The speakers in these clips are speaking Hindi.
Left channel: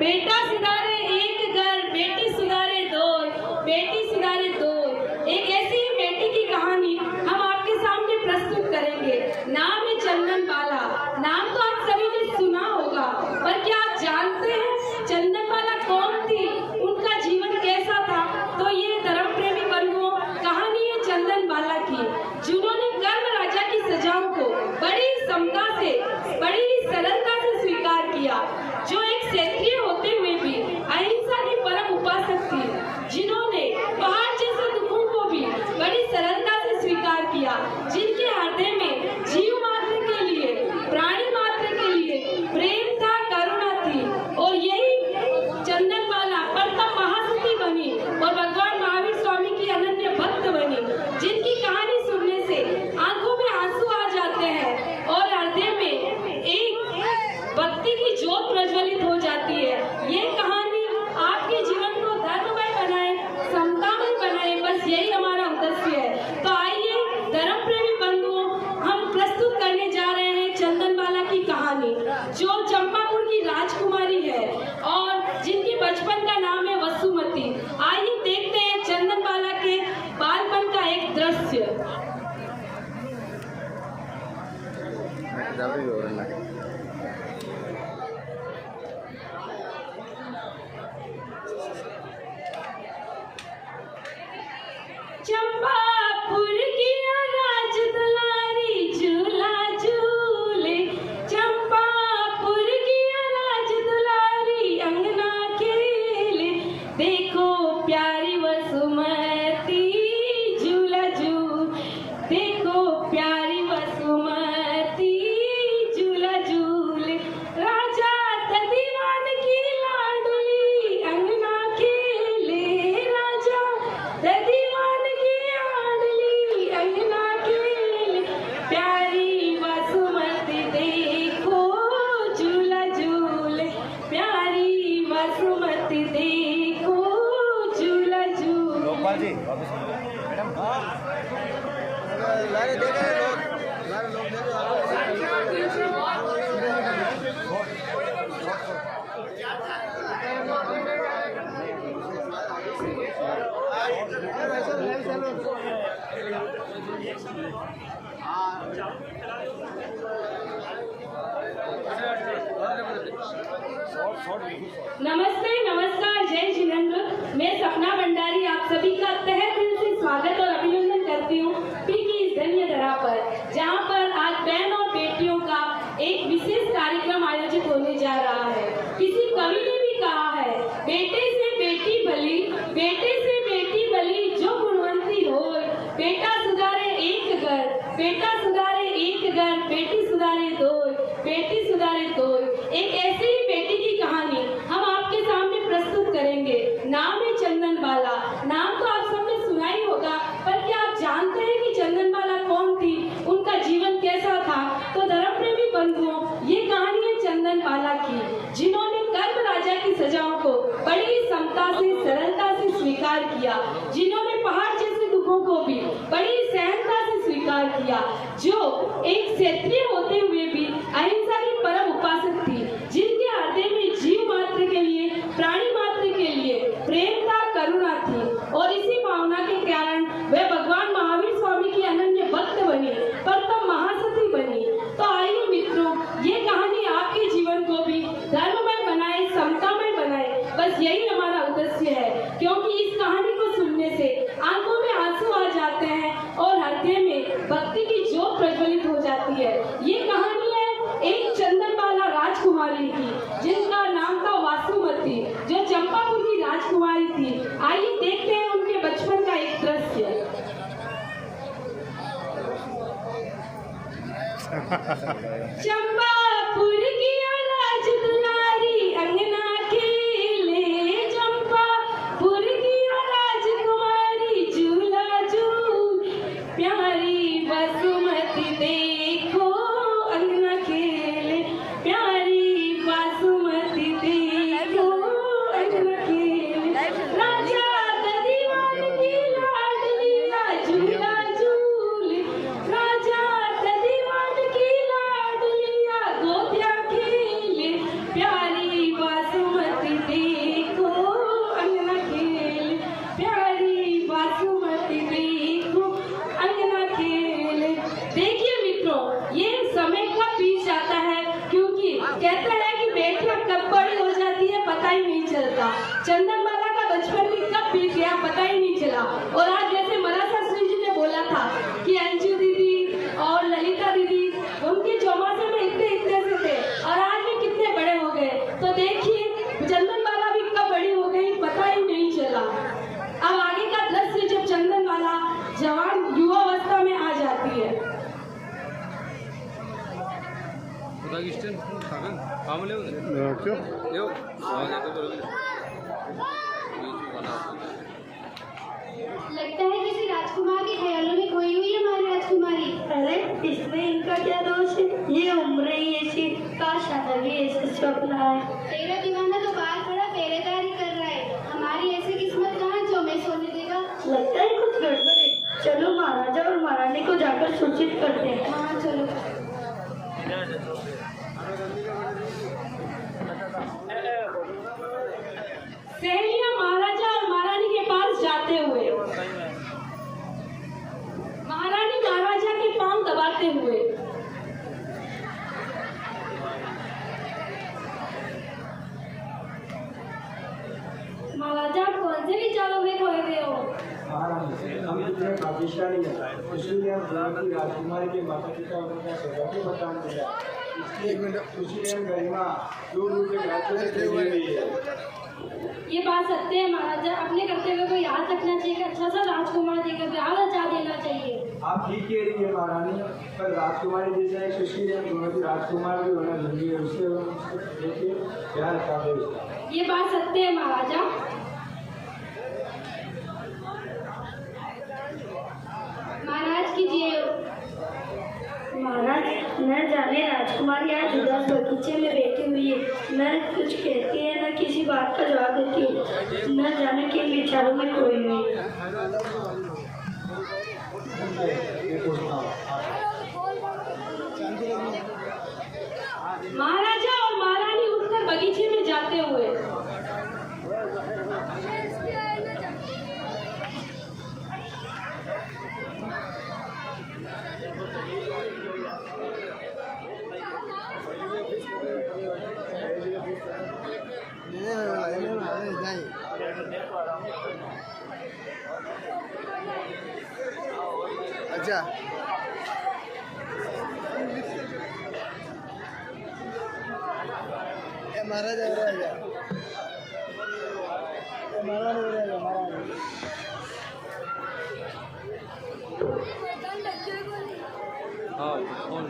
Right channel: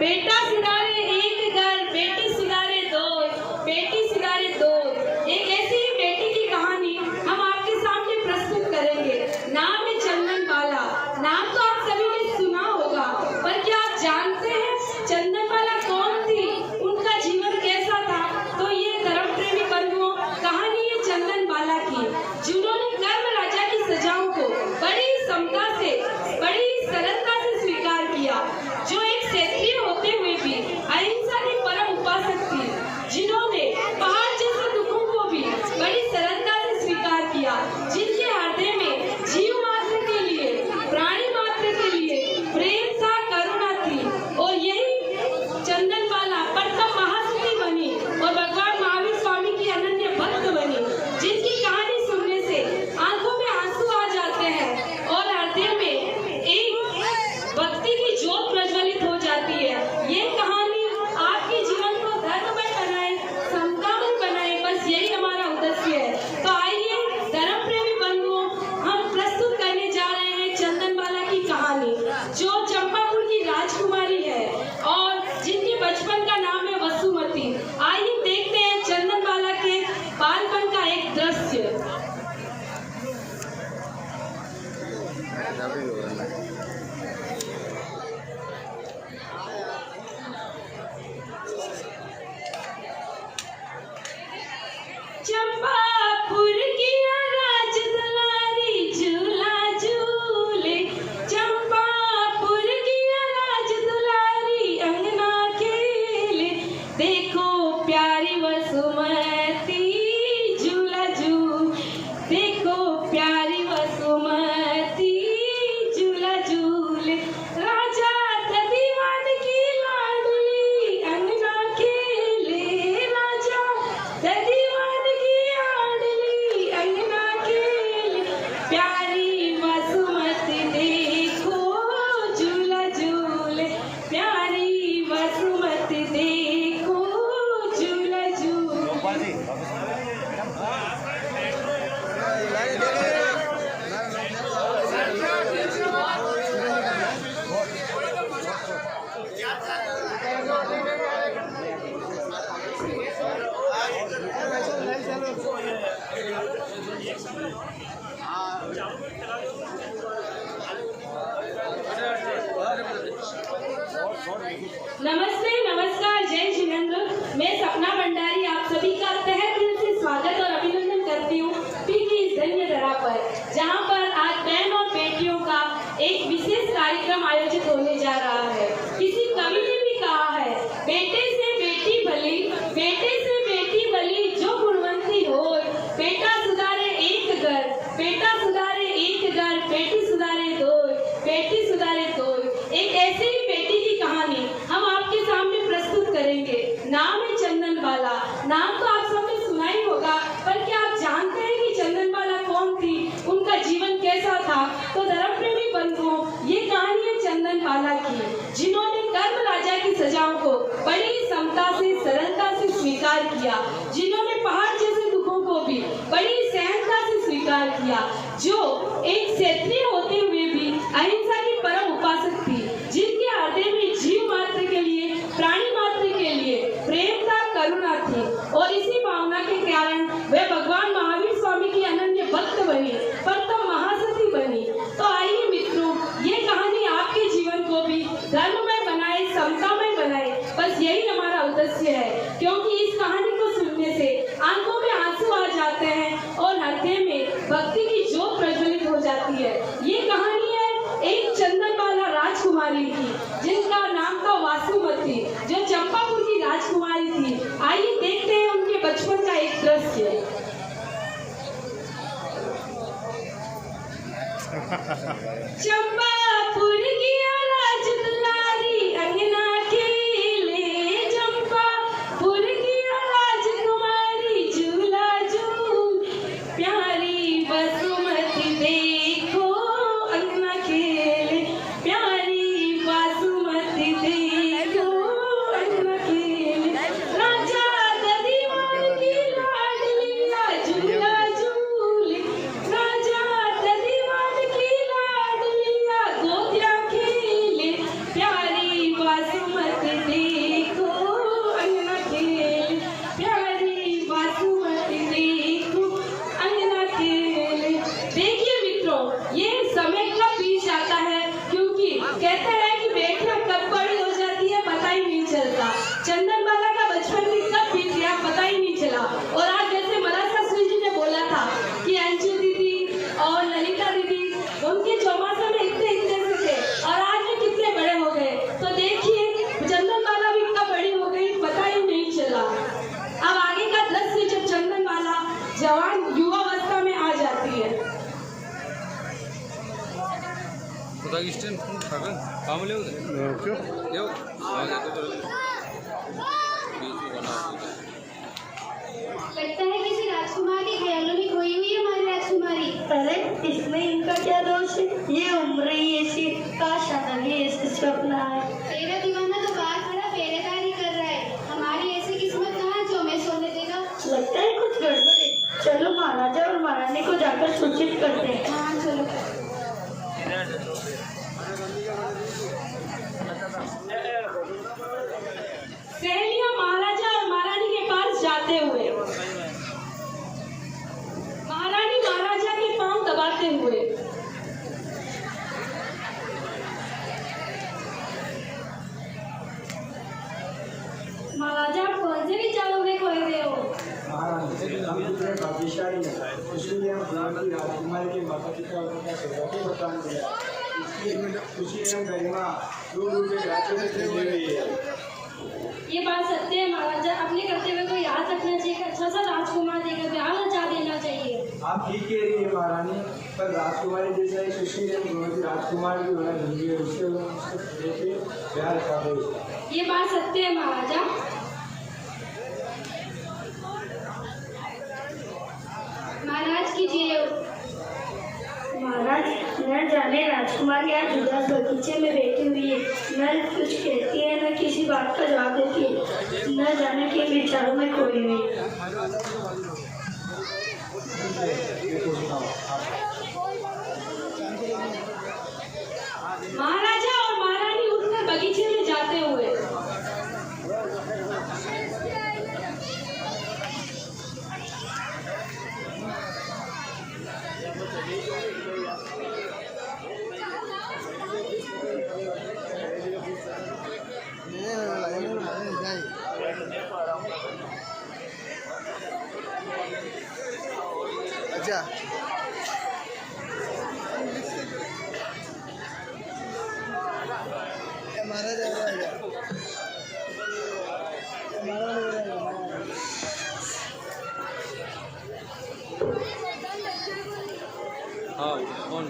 बेटा सिधारे एक घर, बेटी सिधारे दो, बेटी सिधारे दो। एक ऐसी ही बेटी की कहानी हम आपके सामने प्रस्तुत करेंगे। नाम है चंदन बाला। नाम तो आप सभी ने सुना होगा, पर क्या आप जानते हैं चंदन बाला कौन थी, उनका जीवन कैसा था? तो ये धर्म प्रेमी बंधुओं, कहानी है चंदन बाला की, जिन्होंने कर्म राजा की सजाओं को बड़ी समता से, बड़ी सरलता से स्वीकार किया। जो एक क्षत्रिय होते हुए भी अहिंसा की परम उपासक थी, जिन्होंने पहाड़ जैसे दुखों को भी बड़ी सरलता से स्वीकार किया, जिनके हृदय में जीव मात्र के लिए, प्राणी मात्र के लिए प्रेम था, करुणा थी। और यही चंदन बाला प्रथम महासती बनी और भगवान महावीर स्वामी की अनन्य भक्त बनी, जिनकी कहानी सुनने से आंखों में आंसू आ जाते हैं और हृदय में एक भक्ति की ज्योत प्रज्वलित हो जाती है। ये कहानी आपके जीवन को धर्ममय बनाए, समतामय बनाए, बस यही हमारा उद्देश्य है। तो आइए धर्म प्रेमी बंधुओं, हम प्रस्तुत करने जा रहे हैं चंदन बाला की कहानी, जो चंपापुर की राजकुमारी है और जिनके बचपन का नाम है वसुमती। आइए देखते हैं चंदन बाला के बालपन का एक दृश्य। चंपापुर की राज दुलारी झूला झूले, चंपापुर की राज दुलारी अंगना खेले, देखो प्यारी वसुमती झूला झूल, देखो प्यारी वसुमती झूला झूले, राजा दीवान की लाडली अंगना खेले, राजा दीवान की लाडली अंगना खेले, प्यारी वसुमती देखो झूला झूले, प्यारी वसुमती देखो झूला झूले। नमस्ते, नमस्कार, जय जिनेंद्र। मैं सपना भंडारी आप सभी का तहे दिल से स्वागत और अभिनंदन करती हूँ पी की इस धन्य धरा पर, जहाँ पर आज बहन और बेटियों का एक विशेष कार्यक्रम आयोजित होने जा रहा है। किसी कवि ने भी कहा है, बेटे से बेटी भली, बेटे से बेटी भली जो गुणवंती हो, बेटा सुधारे एक घर, बेटा सुधारे एक घर, बेटी सुधारे दो, बेटी सुधारे दो। एक ऐसे ही बेटी की कहानी हम आपके सामने प्रस्तुत करेंगे। नाम है चंदन बाला। नाम तो आप सबने सुना ही होगा, पर क्या आप जानते हैं कि चंदन बाला कौन थी, उनका जीवन कैसा था? तो धर्म प्रेमी बंधुओं, ये कहानी है चंदन बाला की, जिन्होंने कर्म राजा की सजाओं को बड़ी समता से, सरलता से स्वीकार किया, जिन्होंने पहाड़ जैसे दुखों को भी बड़ी सहनता से स्वीकार किया, जो एक क्षत्रिय होते हुए भी अहिंसा की परम उपासक थी, जिनके हृदय में जीव मात्र के लिए, प्राणी मात्र के लिए प्रेम था, करुणा थी। और इसी भावना के कारण वे भगवान महावीर स्वामी की अनन्य भक्त बनी, प्रथम महासती बनी। तो आइए मित्रों, ये कहानी आपके जीवन को भी धर्ममय बनाए, समतामय बनाए, बस यही हमारा उद्देश्य है। क्योंकि इस कहानी को सुनने से आंखों में आंसू आ जाते हैं और हृदय में भक्ति की ज्योत प्रज्वलित हो जाती है। ये कहानी है एक चंदन बाला राजकुमारी की, जिनका नाम था वासुमती, जो चंपापुर की राजकुमारी थी। आइए देखते हैं उनके बचपन का एक दृश्य। चंपापुर की राज दुलारी अंगना खेले, लगता है किसी राजकुमार के ख्यालों में खोई हुई है हमारी राजकुमारी। अरे इसमें इनका क्या दोष है? ये उम्र ही ऐसी, काश शादी भी ऐसे स्वप्न आए। तेरा दीवाना तो बाहर खड़ा पहरेदारी कर रहा है, हमारी ऐसी किस्मत कहाँ जो हमें सोने देगा। लगता है कुछ गड़बड़ है। चलो महाराजा और महारानी को जाकर सूचित करते हैं। हाँ चलो। सहेलियां महाराजा और महारानी के पास जाते हुए, महारानी महाराजा के पांव दबाते हुए, महाराजा आप कौन से विचारों में खोए हुए हो? महारानी, हम कितने भाग्यशाली हैं, इसलिए हम गुलाम की राजकुमारी के माता पिता का सौभाग्य बताने दिया। इसलिए खुशी एवं गरिमा दूर दूर के राज्यों में फैली हुई है। ये बात सत्य है महाराजा, अपने कर्तव्य को याद रखना चाहिए। अच्छा सा राजकुमार देकर ब्याह रचा देना चाहिए। आप ठीक कह रही है महारानी, पर राजकुमारी जैसा एक सुशील एवं गुणवती राजकुमार भी होना जरूरी है। उससे लेके प्यार रखा दे उसका। ये बात सत्य है महाराजा। महाराज कीजिए। महाराज, न जाने राजकुमारी आज उदास बगीचे में बैठी हुई है, न कुछ कहती है न किसी बात का जवाब देती है, न जाने किन विचारों में खोई हुई है। महाराजा और महारानी उठकर बगीचे में जाते हुए, अच्छा महाराज हाँ कौन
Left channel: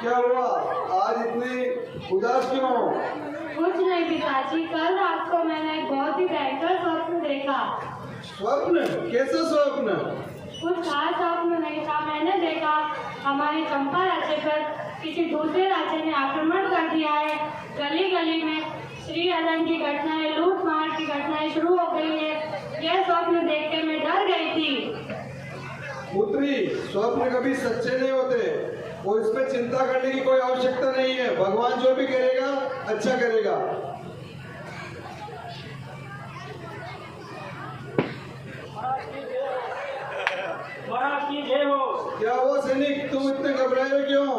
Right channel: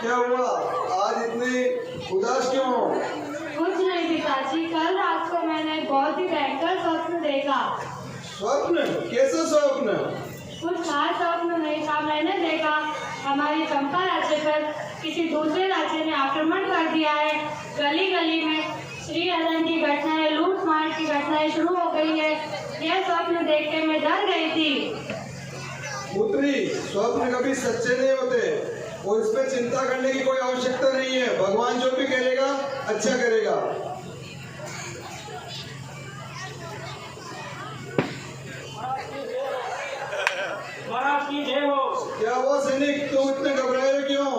क्या हुआ, आज इतनी उदास क्यों हो? कुछ नहीं पिताजी, कल रात को मैंने एक बहुत ही भयंकर स्वप्न देखा। स्वप्न? कैसा स्वप्न? कुछ खास स्वप्न नहीं था। मैंने देखा हमारी चंपा राज्य पर किसी दूसरे राज्य ने आक्रमण कर दिया है। गली गली में श्रीहरण की घटनाएं, लूट मार की घटनाएं शुरू हो गई है। यह स्वप्न देख के मैं डर गई थी। पुत्री, स्वप्न कभी सच्चे नहीं होते और इस पे चिंता करने की कोई आवश्यकता नहीं है। भगवान जो भी करेगा अच्छा करेगा। महाराज की जय हो। क्या हुआ सैनिक, तुम इतने घबराए हो क्यों?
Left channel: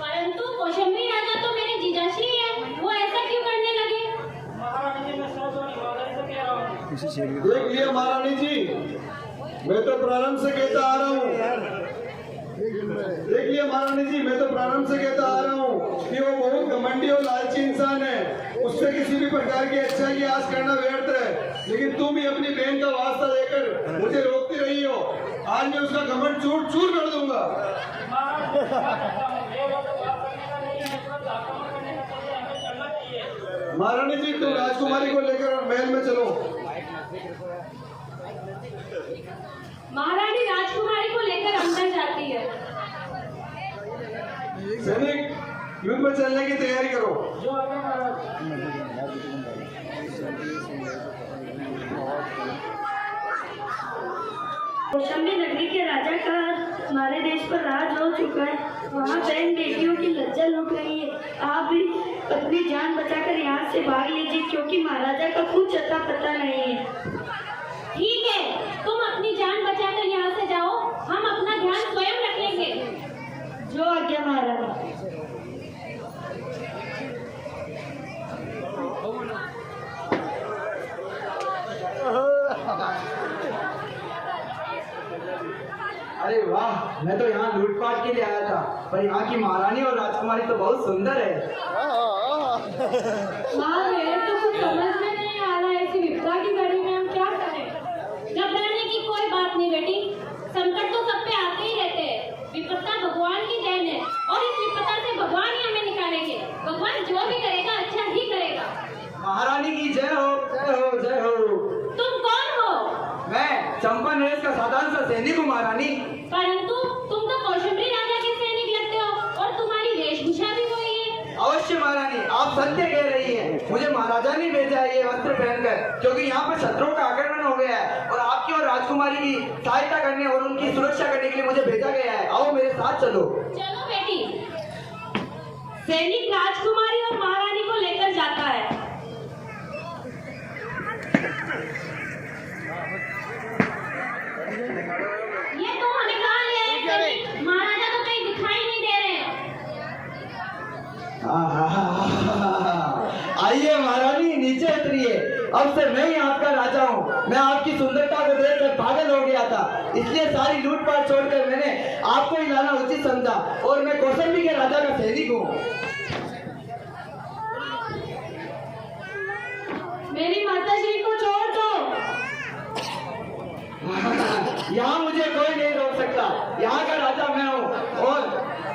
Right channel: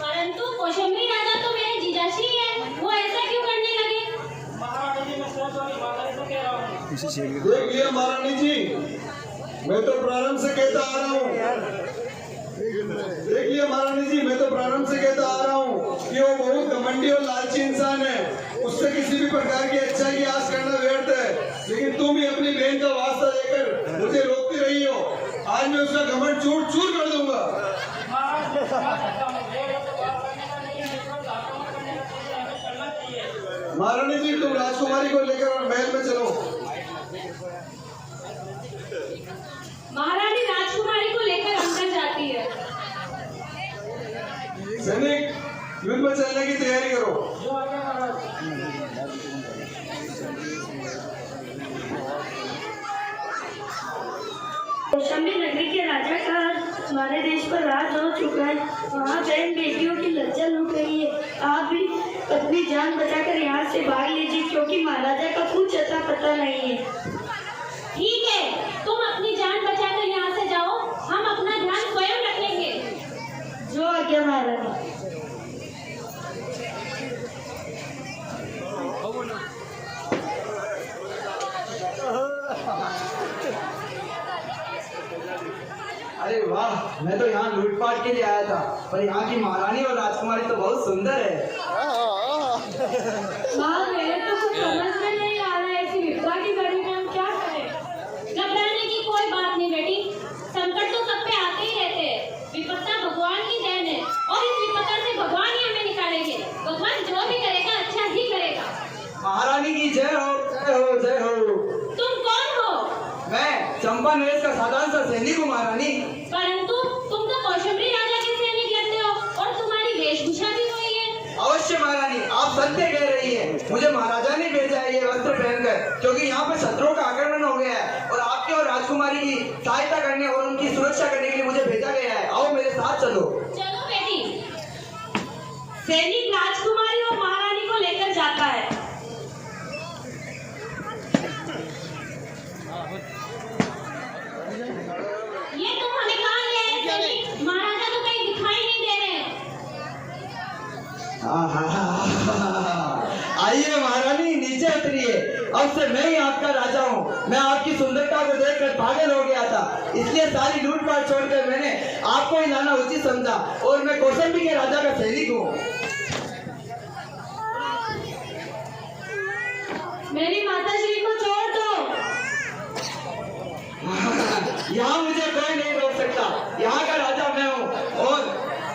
परंतु कौशंबी राजा तो मेरे जीजाश्री है, वो ऐसा क्यों करने लगे? देखिए महारानी जी, मैं तो प्रारंभ से कहता आ रहा हूँ। देखिए महारानी जी, मैं तो प्रारंभ से कहता आ रहा हूँ कि वो बहुत घमंडी और लालची इंसान है। उससे किसी भी प्रकार की अच्छाई की आस करना व्यर्थ है। लेकिन तुम ही अपनी बहन का वास्ता लेकर मुझे रोकती रही हो। आज मैं उसका घमंड चूर चूर कर दूंगा। महारानी जी, तुम राजकुमारी को लेकर और महल में चलो। महारानी राजकुमारी को लेकर अंदर जाती है। सैनिक, युद्ध में चलने की तैयारी करो। कौशंबी नगरी के राजा का हमारे देश पर राज हो चुका है। वहाँ बहन बेटियों की लज्जा लुट रही है। आप भी अपनी जान बचाकर यहाँ से भाग लीजिए, क्योंकि महाराजा का कुछ अता पता नहीं है। ठीक है, तुम अपनी जान बचाकर यहाँ से जाओ, हम अपना ध्यान स्वयं रखेंगे। जो आज्ञा महाराजा। अरे वाह, मैं तो यहाँ लूटपाट के लिए आया था, पर यहाँ की महारानी और राजकुमारी तो बहुत सुंदर है। माँ मेरे तो कुछ समझ में नहीं आ रहा है, ऐसी विपदा की घड़ी में हम क्या करें। घबराने की कोई बात नहीं बेटी, संकट तो सब पे आते ही रहते हैं। विपत्ता भगवान की देन है और इस विपत्ता से भगवान ही हमें निकालेंगे। भगवान जो भी करेगा अच्छा ही करेगा। महारानी की जय हो, जय हो, जय हो। तुम कौन हो? मैं चंपा नरेश का साधारण सा सैनिक हूँ महारानी। परंतु तुम तो कौशंबी राजा के सैनिक लगते हो और तुम्हारी वेशभूषा भी वही है। अवश्य महारानी, आप सत्य कह रही है। मुझे महाराजा ने भेजा है ये वस्त्र पहनकर, क्योंकि यहाँ पर शत्रुओं का आक्रमण हो गया है और आपकी और राजकुमारी की सहायता करने और उनकी सुरक्षा करने के लिए मुझे भेजा गया है। आओ मेरे साथ चलो। चलो बेटी। सैनिक राजकुमारी और महारानी को लेकर जाता है। ये तुम हमें कहाँ ले आए सैनिक? महाराजा तो कहीं दिखाई नहीं दे रहे हैं। आइए महारानी, नीचे उतरिए। अब से मैं ही आपका राजा हूँ। मैं आपकी सुंदरता को देखकर पागल हो गया था, इसलिए सारी लूटपाट छोड़कर मैंने आपको ही लाना उचित समझा और मैं कौशंबी के राजा का सैनिक हूँ। मेरी माता जी को छोड़ दो। यहाँ मुझे कोई नहीं रोक सकता। यहाँ का राजा मैं हूँ और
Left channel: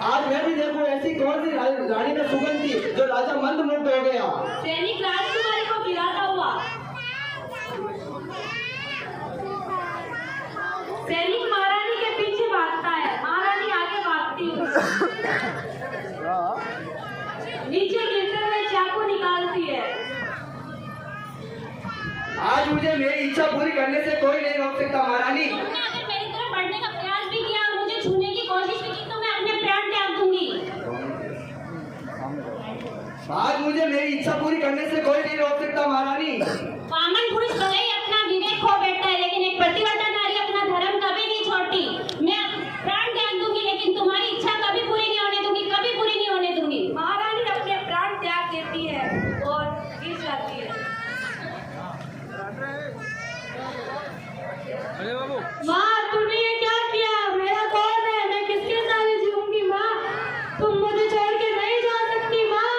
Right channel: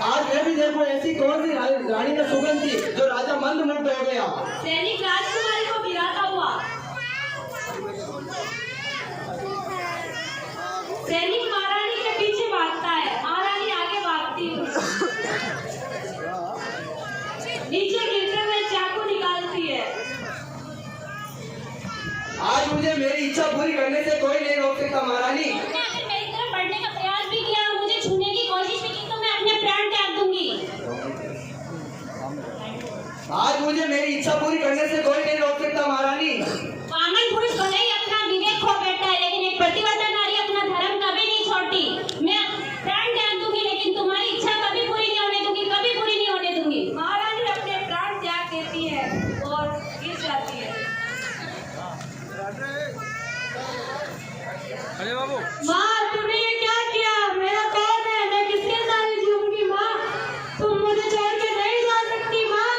आज मैं भी देखो ऐसी कौन सी रानी में सुगंध थी जो राजा मंत्रमुग्ध हो गया। सैनिक राजकुमारी को गिराता हुआ सैनिक महारानी के पीछे भागता है। महारानी आगे भागती है, नीचे गिरते हुए चाकू निकालती है। आज मुझे मेरी इच्छा पूरी करने से कोई नहीं रोक सकता महारानी। तुमने अगर मेरी तरफ बढ़ने का प्रयास भी किया और मुझे छूने की कोशिश भी की तो मैं अपने प्राण त्याग दूंगी। आज मुझे मेरी इच्छा पूरी करने से कोई नहीं रोक सकता महारानी। वामन पुरुष भले ही अपना विवेक खो बैठता है, लेकिन एक प्रतिव्रता नारी अपना धर्म कभी नहीं छोड़ती। मैं प्राण त्याग दूंगी, लेकिन तुम्हारी इच्छा कभी पूरी नहीं होने दूंगी, कभी पूरी नहीं होने दूंगी। महारानी अपने प्राण त्याग देती है और गिर जाती है। अरे बाबू, माँ तुमने ये क्या किया? मेरा कौन है? मैं किसके साथ जीऊंगी माँ? तुम मुझे छोड़ के नहीं जा सकती माँ।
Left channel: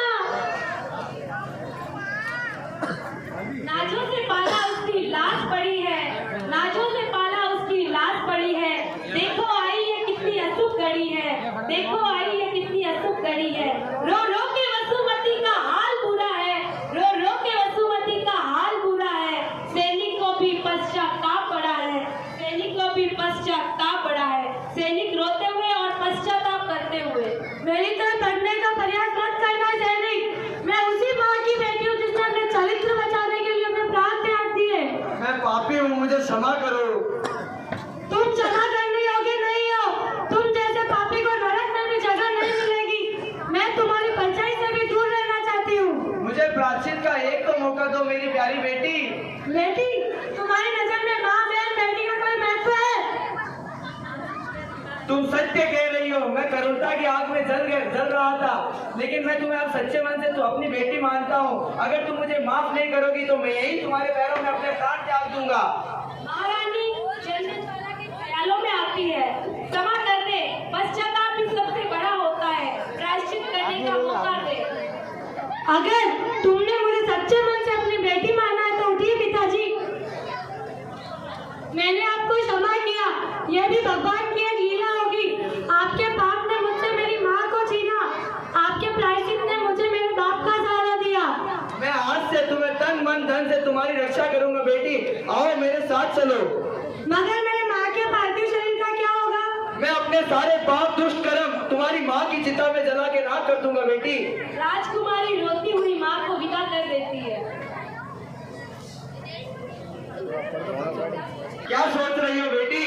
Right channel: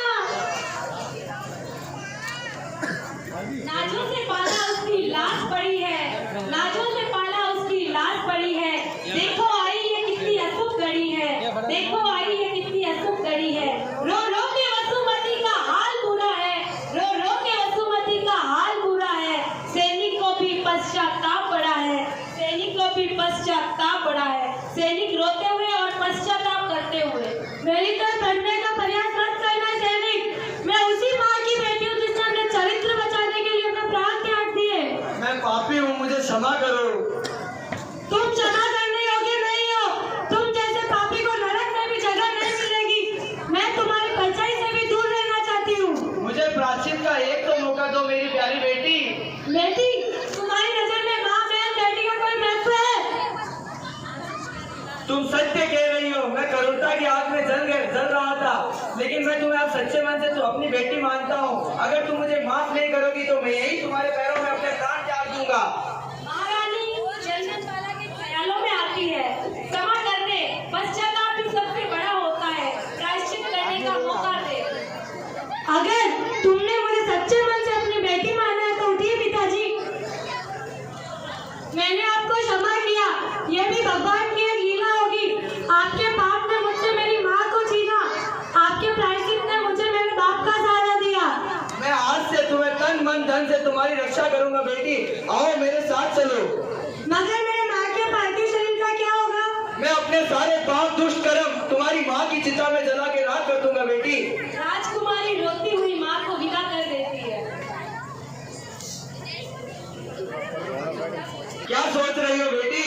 नाजों से पाला उसकी लाश पड़ी है, नाजों से पाला उसकी लाश पड़ी है। देखो आई है कितनी अशुभ घड़ी है, देखो आई है कितनी अशुभ घड़ी है। रो रो के वसुमती का हाल बुरा है, रो रो के वसुमती का हाल बुरा है। सैनिक को भी पश्चाताप पड़ा है, सैनिक को भी पश्चाताप पड़ा है। सैनिक रोते हुए और पश्चाताप करते हुए। मेरी तरफ बढ़ने का प्रयास मत करना सैनिक। मैं उसी माँ की बेटी हूँ जिसने अपने चरित्र बचाने के लिए अपने प्राण त्याग दिए। मैं पापी हूँ, मुझे क्षमा करो। तुम क्षमा करने योग्य नहीं हो। तुम जैसे पापी को नरक में भी जगह नहीं मिलेगी। मैं तुम्हारी परछाई से भी दूर रहना चाहती हूँ। मुझे प्रायश्चित का एक तो मौका दो मेरी प्यारी बेटी। बेटी, तुम्हारी नजर में माँ बहन बेटी का कोई महत्व है? तुम सत्य कह रही हो। मैं करुणता की आग में जल रहा था, लेकिन मैं तुम्हें अब सच्चे मन से तो अपनी बेटी मानता हूँ। अगर तुम मुझे माफ नहीं करोगी तो मैं यही तुम्हारे पैरों में अपने प्राण त्याग दूंगा। महारानी जन्नत वाला के ख्यालों में आती है। क्षमा कर दे, पश्चाताप भी सबसे बड़ा होता है। प्रायश्चित करने का मौका दे। अगर तुमने मुझे सच्चे मन से अपनी बेटी माना है तो उठिए पिताजी। मैंने आपको क्षमा किया। यह भी भगवान की एक लीला होगी। आपके पाप ने मुझसे मेरी माँ को छीना, आपके प्रायश्चित ने मुझे मेरे बाप का सहारा दिया। मैं आज से तुम्हें तन मन धन से तुम्हारी रक्षा करूंगा बेटी। आओ मेरे साथ चलो। मगर मेरे माँ के पार्थिव शरीर का क्या होगा? मैं अपने सारे पाप दुष्ट कर्म तुम्हारी माँ की चिता में जला के राख कर दूंगा बेटी। राजकुमारी रोती हुई माँ को विदा कर देती है। क्या सोच रही हो बेटी?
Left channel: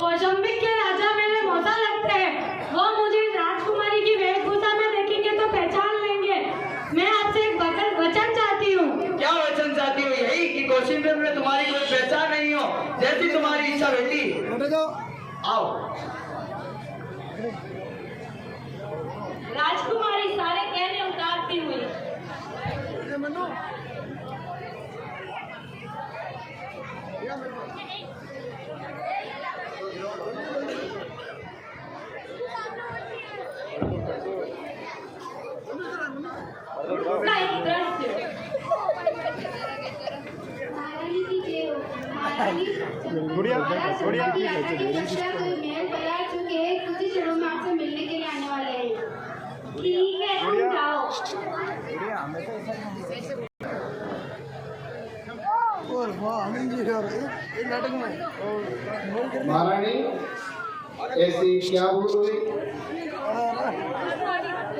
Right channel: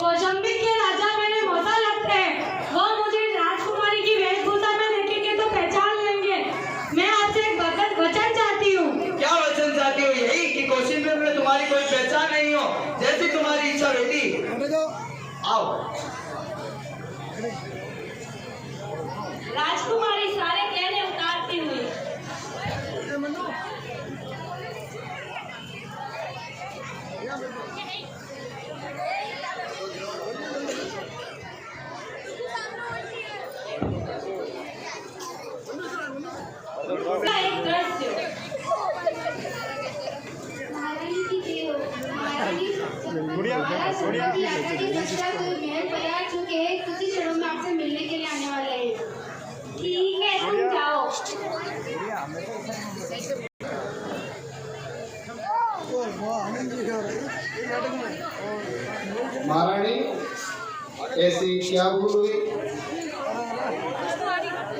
कौशंबी के राजा मेरे मौसा लगते हैं। वो मुझे राजकुमारी की वेशभूषा में देखेंगे तो पहचान लेंगे। मैं आपसे एक वचन चाहती हूँ। क्या वचन चाहती हो? यही कि कौशंबी में तुम्हारी कोई पहचान नहीं हो। जैसी तुम्हारी इच्छा बेटी। आओ। राजकुमारी सारे कहने उतारती हुई एक चंपा की यात्रा के पश्चात महल परिवार चुके हैं, कुछ ही क्षणों में आपसे मिलने के लिए आने वाले हैं। ठीक है, तुम जाओ। महारानी, ऐसी क्या भूल हुई?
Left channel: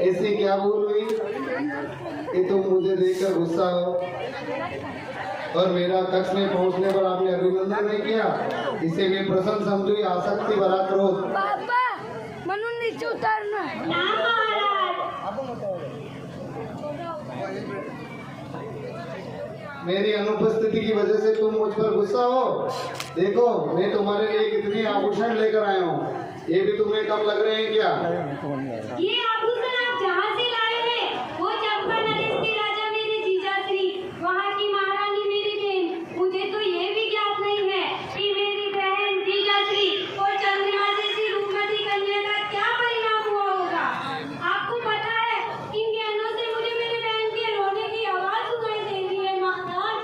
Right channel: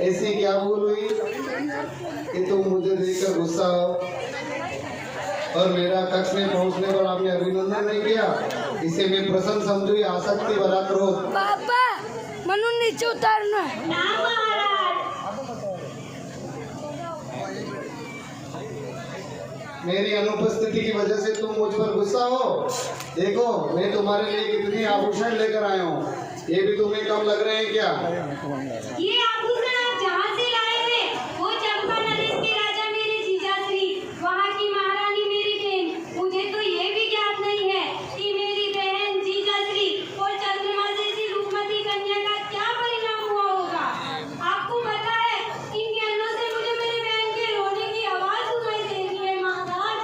ऐसी क्या भूल हुई कि तुम मुझे देखकर गुस्सा हो और मेरा कक्ष में पहुंचने पर आपने अभिनंदन नहीं किया? इसे मैं प्रसन्न समझू या आसक्ति भरा क्रोध? पापा मनु नीचे उतारना। ना महाराज, मेरी अनुपस्थिति की वजह से तुम मुझ पर गुस्सा हो? देखो, मैं तुम्हारे लिए कितनी आभूषण लेकर आया हूँ, ये भी तुम्हें कम लग रहे हैं क्या? ये आभूषण आप जहाँ से लाए हैं, वो चंपा नरेश के राजा मेरे जीजाश्री, वहाँ की महारानी मेरी बहन। मुझे तो ये भी ज्ञात नहीं है कि मेरी बहन जीजाश्री और चंद्रमा जैसी रूपमती कन्या का क्या परिणाम हुआ होगा। आपको पता है, इन ज्ञानों से मुझे मेरी बहन के रोने की आवाज सुनाई दे रही है महाराज।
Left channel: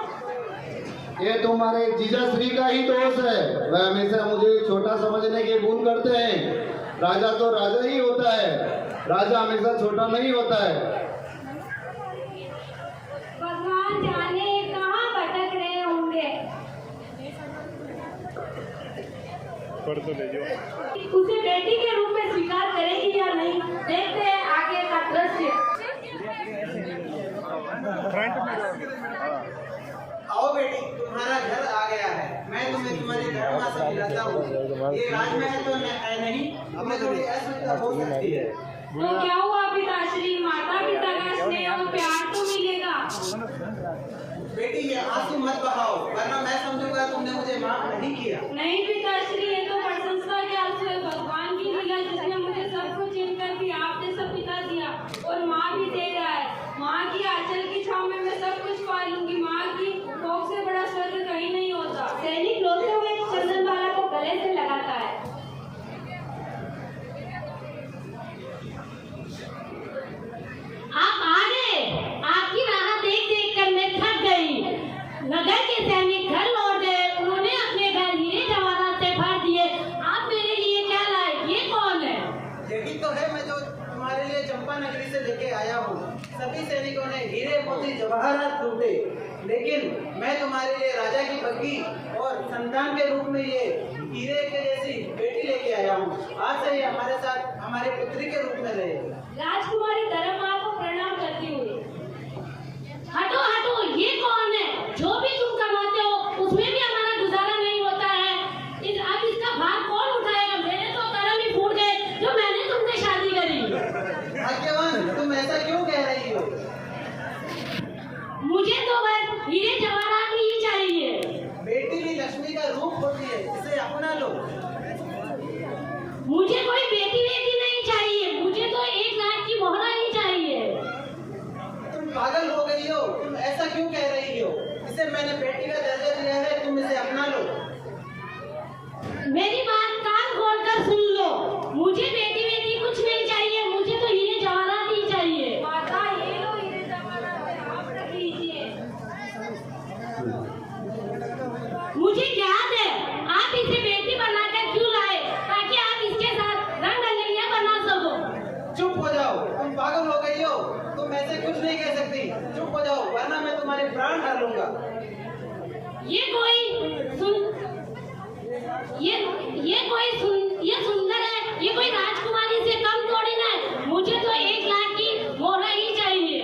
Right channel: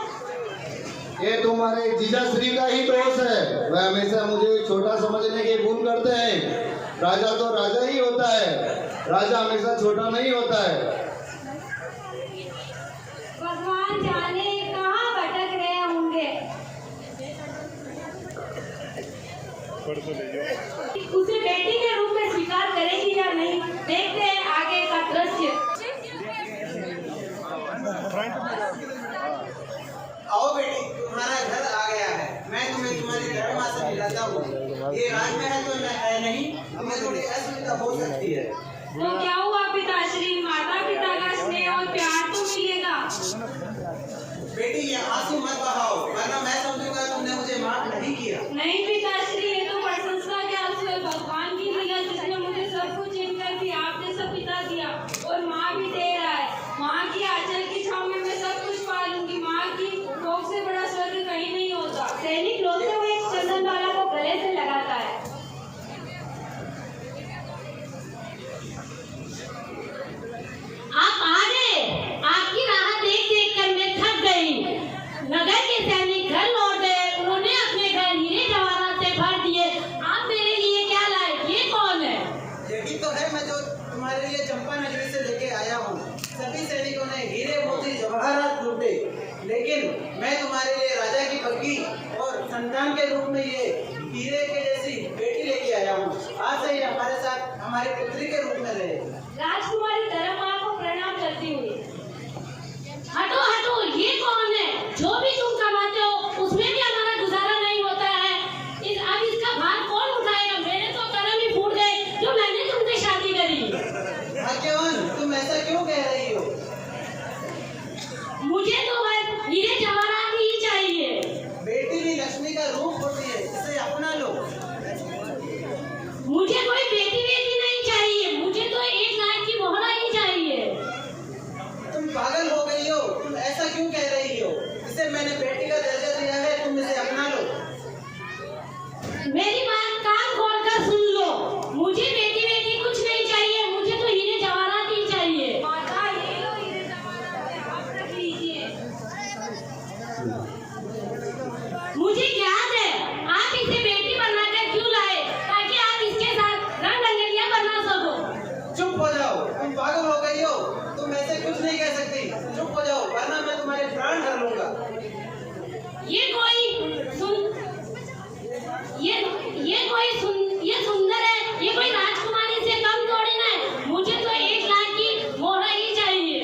ये तुम्हारे जीजाश्री का ही दोष है। वह हमेशा मुझे छोटा समझने की भूल करते हैं। राजा तो राजा ही होता है, राजा हमेशा छोटा नहीं होता है। भगवान जाने कहाँ भटक रहे होंगे। उसे बेटी के रूप में स्वीकार करेगी या नहीं, देखते हैं आगे का दृश्य। आओ बेटी, तुम्हारा घर आ गया है। मैं तुम्हें तुम्हारी धर्मा से मिलाता हूँ। ये राजमहल तो है नहीं, तुम्हें थोड़ी असुविधा हो सकती है। तो क्या हुआ पिताश्री, माता पिता का स्नेह और प्यार तो मिलेगा। बेटी ये आंसू मत बहाओ, वरना मैं समझूंगा तुमने मुझे माफ नहीं किया। नहीं पिताश्री, ये तो प्रशंसा के आंसू है। भगवान की लीला, जिसने मुझे सब कुछ इनकर भी आप जैसा पिता दिया और माँ भी दे रहा है। माँ की आंचल की छाव में मैं सब कुछ पा लूंगी। माँ की कोख से बड़ा स्वर्ग कहीं नहीं होता। सैनिक रोते हुए चंदनबाला को गले से लगाता है। आप आ गए। आपकी राह देख देख कर मैं थक गई। नगर के सैनिक घर लौट गए। उन्होंने अपने घर हीरे जवाहरात से भर दिए। आप मेरे लिए क्या लाए? ये कौन है? यही तो है मैं जो तुम्हारे लिए चंपा नगरी से लेके आया हूँ। सभी सैनिकों ने हीरे मोती जवाहरात लूटे, लेकिन मैं तुम्हारे लिए राजा की बग्गी और संतान के रूप में ये हीरे के जैसी बेटी लेके आया हूँ। आज से ये हमारे साथ हमारे पुत्री के रूप में रहे। राजकुमारी धर्म माँ को प्रणाम करती हुई। हटो हटो, ये कौन है? जो भी तुम कमाते हो उसमें भी हमारा गुजारा नहीं होता है। अब इसका भार कौन उठाएगा? मेरे तो कर्म ही फूट गए जो मैंने तुमसे शादी करी। भाग्यवान, तुम ऐसा क्यों कह रही हो? मुझे तो बस हीरे जवाहरात ही चाहिए। बेटी भी लक्ष्मी का रूप होती है, इसे अपना लो। मुझे कोई बेटी बेटी नहीं चाहिए, मुझे तो 1 लाख की मोहरा ही चाहिए। तुम पागल हो गई हो? तुम ऐसा क्यों कह रही हो? इसे मैंने बेटी का दर्जा दिया है, तुम इसे अपना लो। मेरी बात कान खोल कर सुन लो। मुझे बेटी बेटी कुछ नहीं चाहिए, मुझे तो हीरे जवाहरात ही चाहिए। माता, ये लो हीरे जवाहरात, आप रख लीजिए। मुझे याद है, आप इसे बेटी बनाकर क्यों लाए? ताकि आप इसके साथ रंग रंगलियां बना सको। चुप हो जाओ, तुम पागल हो गई हो। तुम ऐसे कुछ नहीं कह सकती। चुप हो जाओ, वरना मैं तुम्हारे प्राण हर लूंगा। ये सुंदर है, ये कोई राजकुमारी से कम थोड़ी ना है। मुझे तो 1 लाख की मोहरा ही चाहिए।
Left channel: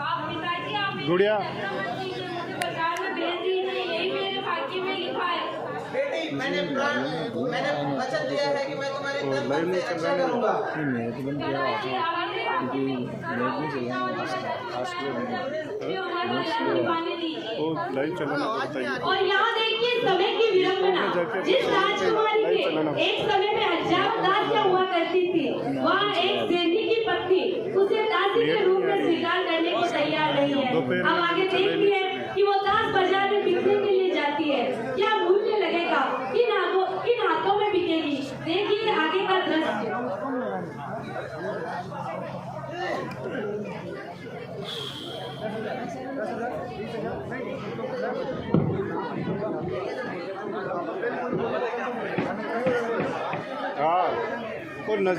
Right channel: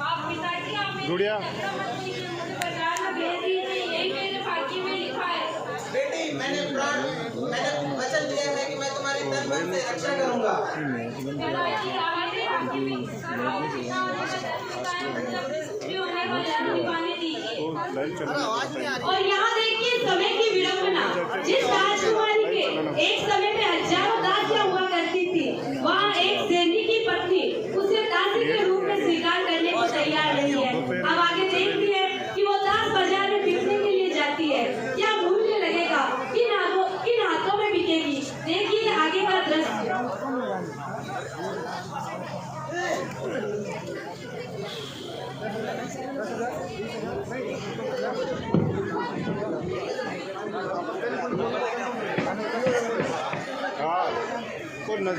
आप पिताजी, आप मेरी चक्र मत कीजिए, मुझे बाजार में भेज दीजिए, यही मेरे भाग्य में लिखा है। बेटी, मैंने वचन दिया है कि मैं तुम्हारे तन मन से रक्षा करूंगा। पिताजी, आप मेरे भाग्य में होने का जन्म पाने दीजिए। और यहाँ देखिए समय की विडंबना। जिस राजकुमारी के एक समय में हजारों दासियां हुआ करती थी, वहाँ एक सैनिक की पत्नी उसे दासी के रूप में स्वीकार करने को तैयार नहीं है। अब आगे देखती है कि वो दास बाजार में बिकने के लिए जाती है। क्या मूल्य लगेगा? किन हाथों में बिकेगी? देखिए आगे का दृश्य।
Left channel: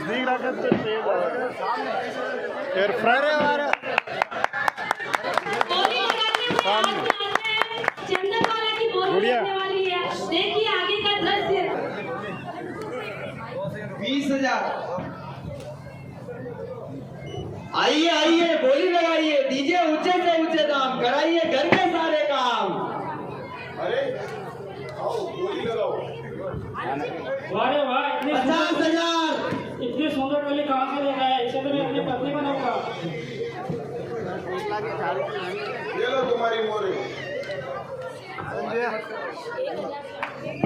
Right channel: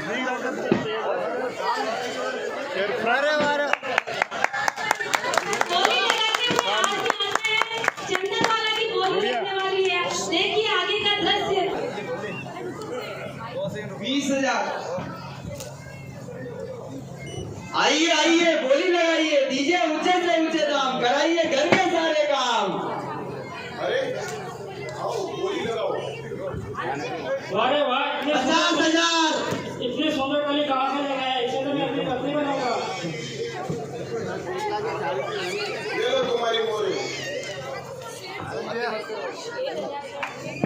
बोली लगाते हुए आगे आते हैं, चंद्रमाला की बोली लगने वाली है। देखिए आगे का दृश्य। 20,000। आइए आइए, बोली लगाइए, दीजिए ऊंचे से ऊंचे दाम, कराइए घर में सारे काम। अरे आओ बोली लगाओ। अरे वाह, 50,000। इतने सुंदर कली कहाँ से लेकर आया? इसे तो मैं अपनी पत्नी बनाऊंगा। ये लो तुम्हारी मोरी।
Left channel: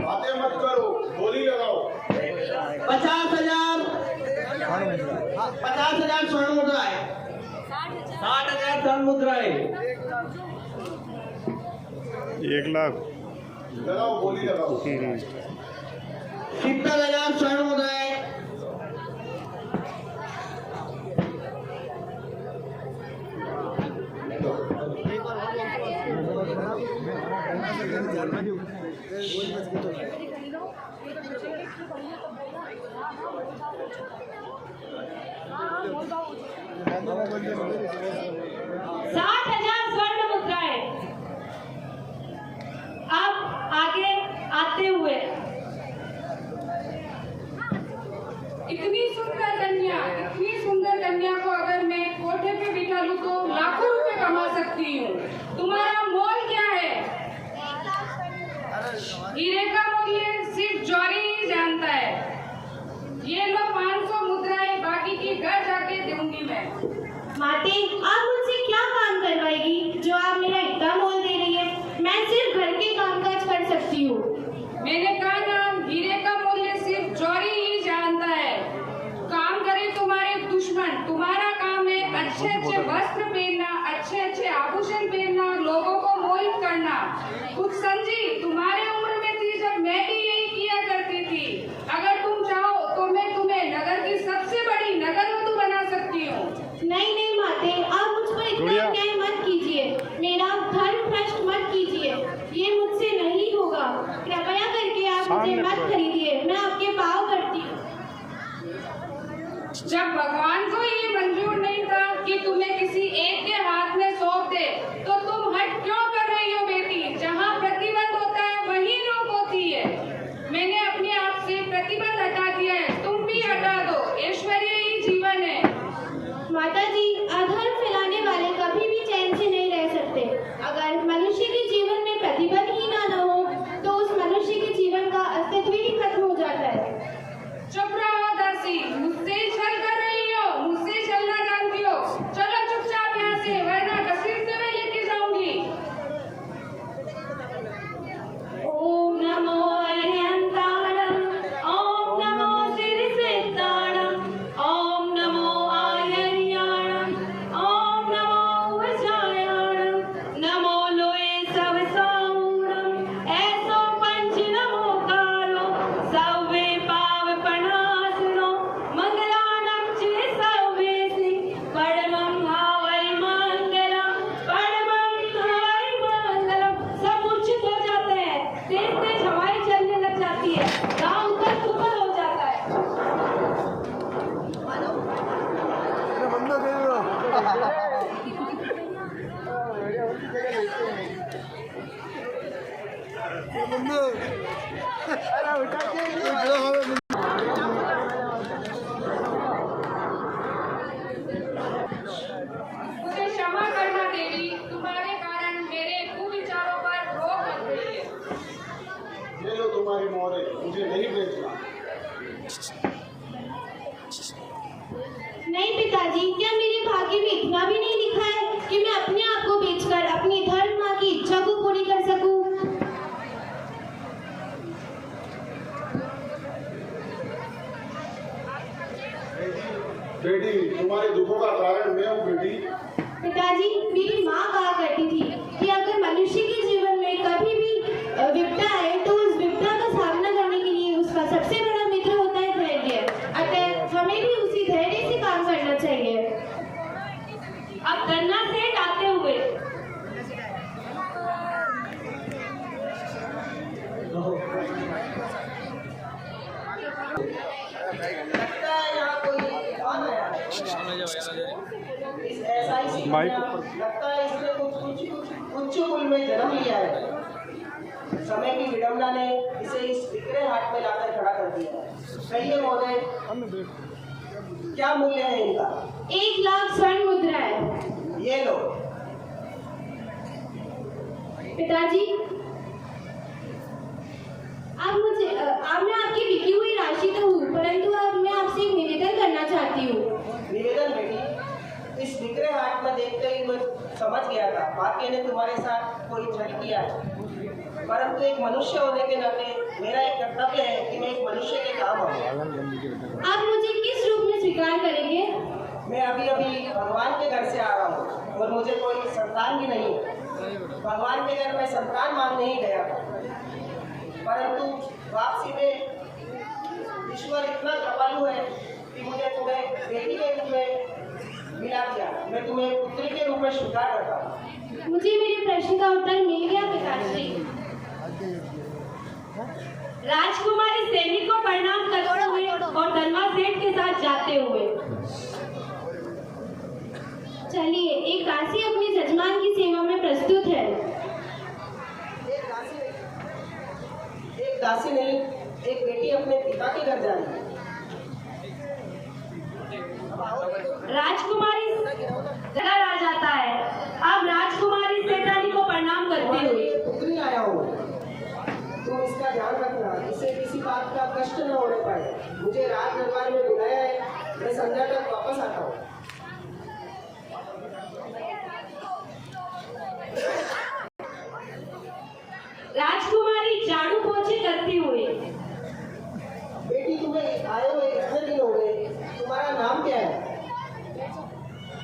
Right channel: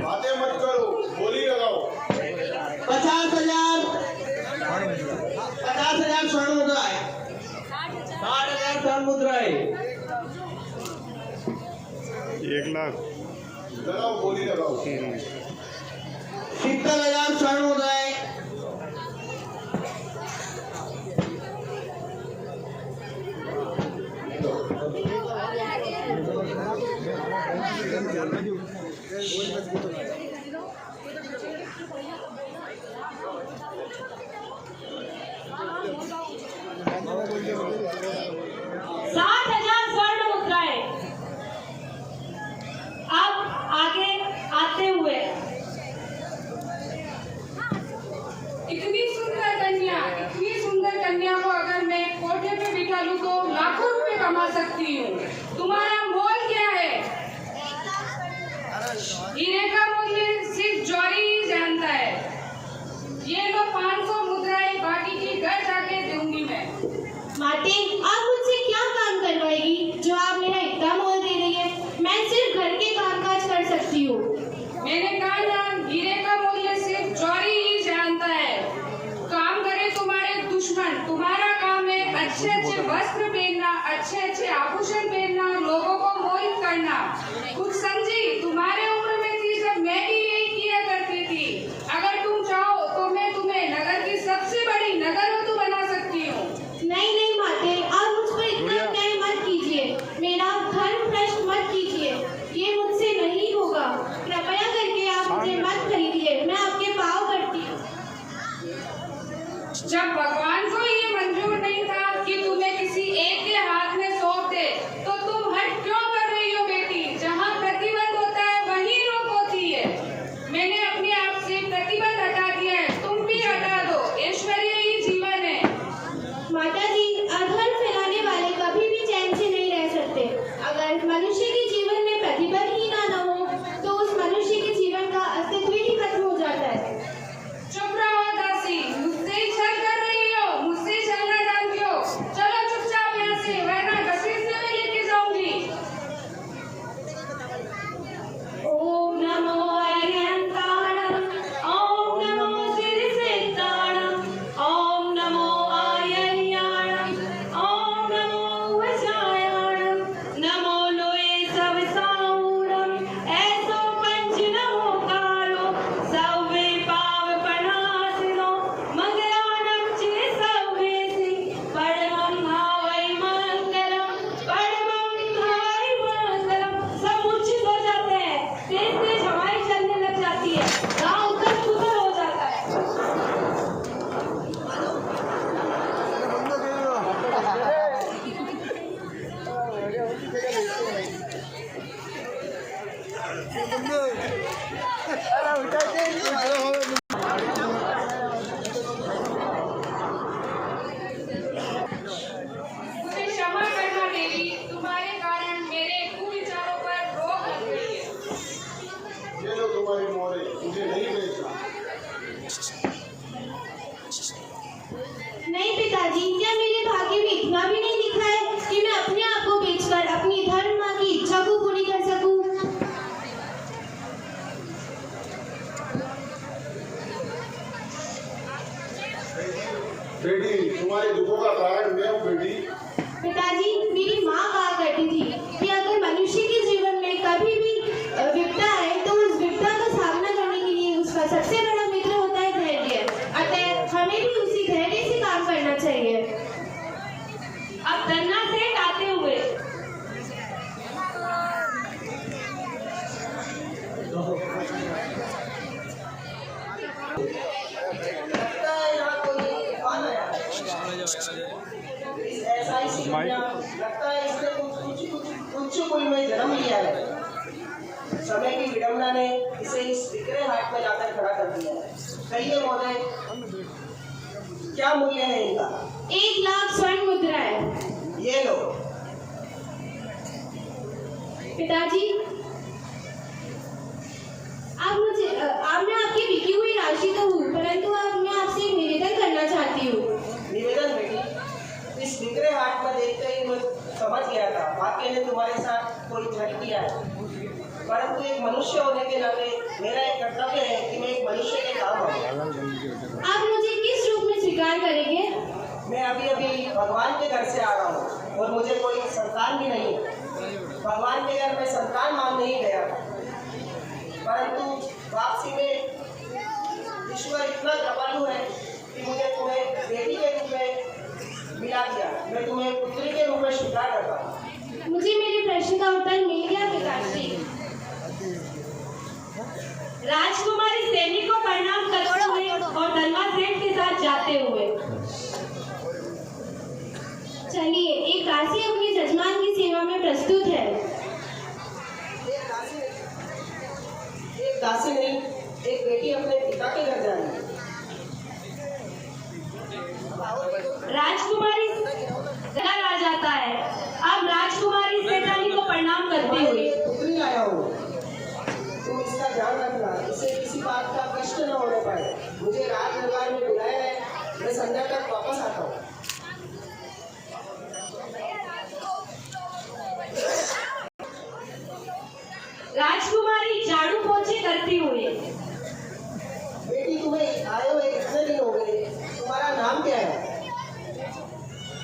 बातें मत करो, बोली लगाओ। 50,000। 50,000 स्वर्ण मुद्राएं। 60,000 स्वर्ण मुद्राएं। 1,00,000 लगाओ, बोली लगाओ। 70,000 स्वर्ण मुद्राएं। 60,000 स्वर्ण मुद्राएं। अब आगे आते हुए इतनी सुंदर कन्या को अगर मैं कोठे पे बिठा लूं तो लाखों रुपए कमा सकती हूँ। तुम्हारा मोल क्या है? हीरे का मूल्य सिर्फ जौहरी ही जानता है। ये लो 500 मुद्राएं, बाकी की घर जाके दूंगी मैं। माते, आप मुझसे क्या काम करवाएगी जो आप मेरा इतना मोल दे रही है? मैं सिर्फ घर के कामकाज कर सकती हूँ। मैंने कहा ना, हीरे का मूल्य सिर्फ जौहरी ही जानता है। काम करे तुम्हारे दुश्मन। तुम्हारा काम है अच्छे अच्छे वस्त्र पहनना, अच्छे अच्छे आभूषण पहनना, लोगों को मोहित करना। कुछ समझी? तुम्हारे उम्र में थी जब मैं भी यही किया करती थी। अगर तुम चाहो तो मैं तुम्हें नगर की सबसे बड़ी नगरवधु बना सकती हूँ। नहीं नहीं माते, आप मुझ पर इतना अन्याय मत कीजिए, मेरा धर्म भ्रष्ट मत कीजिए, ये मुझसे नहीं होगा। कृपया करके आप मुझे मत खरीदिए, मैं आपके पाँव पड़ती हूँ। जब भगवान को ये मंजूर नहीं था कि तुम्हें किसी एक के हाथ में सौंप दे, तो तुम हट क्यों कर रही हो बेटी? जहाँ प्रतिबंध होता है वहीं रोक होती है। मैंने अपने आप से प्रतिबंध हटा दिया है, तुम भी हटा दो। ऐश्वर्य ही जीवन है। माता जी, अधर्म फैलाने वाले कभी भी चैन से नहीं रह सकते। अगर मनुष्य के जीवन में प्रतिबंध ही ना हो तो उस मनुष्य के जीवन का अस्तित्व ही खत्म हो जाता है। चुप रहो दासी, मुझसे छल कर रही हो, मुझसे चलना जानती हो। चलो चुपचाप यहाँ से, वरना घसीट से मैं लेके जाऊंगी। ओम नमो अरिहंताणं, ओम नमो सिरसिद्धाणं, ओम नमो आयर्याणं, ओम नमो वज्रायाणं, नमो लोये सवसाऊणं, ऐसो पंच नमोकारो, सव्वे पावपनासनो, मंगलानं चिर सव्वेसि, परमं भावै मंगलम्, परमं भावै मंगलम्। सब मूर्छित हो जाते हैं, तेज तेज हवाएं चलने लग जाती है, गाँव उथल पुथल हो जाता है। मुझे क्षमा करना देवी, तुम्हारे कारण मेरे कुविचारों पर रोक लग गई है। ये लो तुम्हारी मोरी, मुझे नहीं बेचना। नहीं पिताजी, क्या मेरे भाग्य में इतना भी नहीं लिखा है कि मैं अपने आप को बेचकर अपनी धर्म माँ की इच्छा को पूरी कर सकूं? कन्या, लगता है इसने कुछ कुल में जन्म लिया है। समय की विडंबना ने इसे इस बिखरे हाट में लाकर खड़ा कर दिया है। कहिए महोदय, क्या मूल्य है इनका? 1 लाख स्वर्ण मुद्राएं। ये लो। पिताजी, आपने आपकी बिकी हुई राशि तो हुई, परंतु अब मैं आपसे एक निवेदन करना चाहती हूँ। निवेदन बेटी, इस बिखरे हाट में देखते ही मैं समझ गया था भाग्य ने तुम्हारे साथ कोई छल किया है, परंतु एक मनुष्य होने के नाते मेरा एक कर्तव्य है कि मैं एक मनुष्य के काम आऊँ। आप मुझे किस रूप में स्वीकार करेंगे? मैं अभी भगवान के घर से आ रहा हूँ और मुझे कोई संतान भी नहीं है। भगवान के घर में संतान मांगने ही गया था, परंतु वापसी में ईश्वर इतना कृपालु है कि मुझे तुम्हें बेटी के रूप में मिला दिया। मैं तुम्हें पुत्री के रूप में स्वीकार करता हूँ। मुझे मेरे प्रश्न का उत्तर मिल गया पिताजी। राजकुमारी सैनिक को प्रणाम करते हुए और धनवा सेठ के साथ जाते हुए। चलिए, एक दासी अपनी जजमान की सेवा में प्रस्तुत है। एक दासी नहीं, एक बेटी अपने पिता के घर जा रही है। राजकुमारी घर आ जाता है। अब राजकुमारी सेठानी को प्रणाम करते हुए। पुत्री आया हूँ, तुम इसका ध्यान रखना, इसे किसी बात का कष्ट न होने पाए। मुझे राज दरबार में बुलाया है, मैं संध्या तक वापस आता हूँ। राजकुमारी झाड़ू पोछे करते हुए। बेटी, तुम्हें आए हुए इतने दिन हो गए, तुम्हारा नाम क्या है?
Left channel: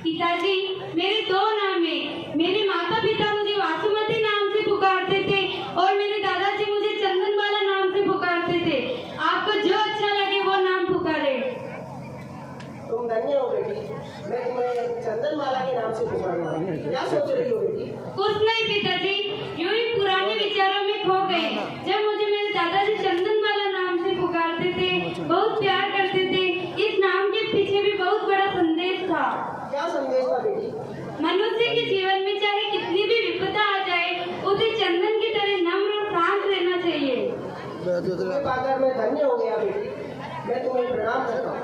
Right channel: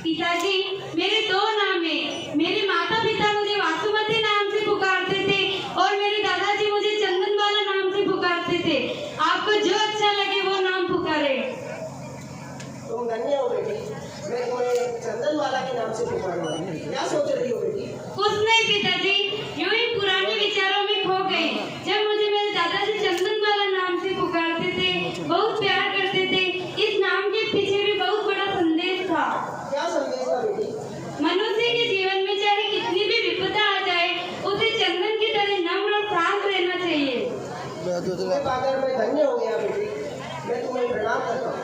पिताजी, मेरे 2 नाम हैं। मेरे माता पिता मुझे वासुमती नाम से पुकारते थे और मेरे दादाजी मुझे चंदनबाला नाम से पुकारते थे। आपको जो अच्छा लगे वो नाम पुकारे। तुम धन्य हो बेटी, मैं तुम्हें चंदनबाला के नाम से पुकारूंगा। क्या सोच रही हो बेटी? कुछ नहीं पिताजी, यूं ही पुराने विचारों में खो गई। जब मुझे मेरे दादाजी चंदनबाला नाम से पुकारते थे, बहुत प्यार करते थे। इस नाम के पीछे भी बहुत बड़ा संदेश था। क्या संदेश था बेटी? मनुष्य के जीवन में चाहे कितनी भी विपदा आ जाए, उसे चंदन की तरह नम्र और शांत रहना चाहिए। तुम्हें पाकर मैं धन्य हो गया बेटी, मैं तुम्हें प्रणाम करता हूँ।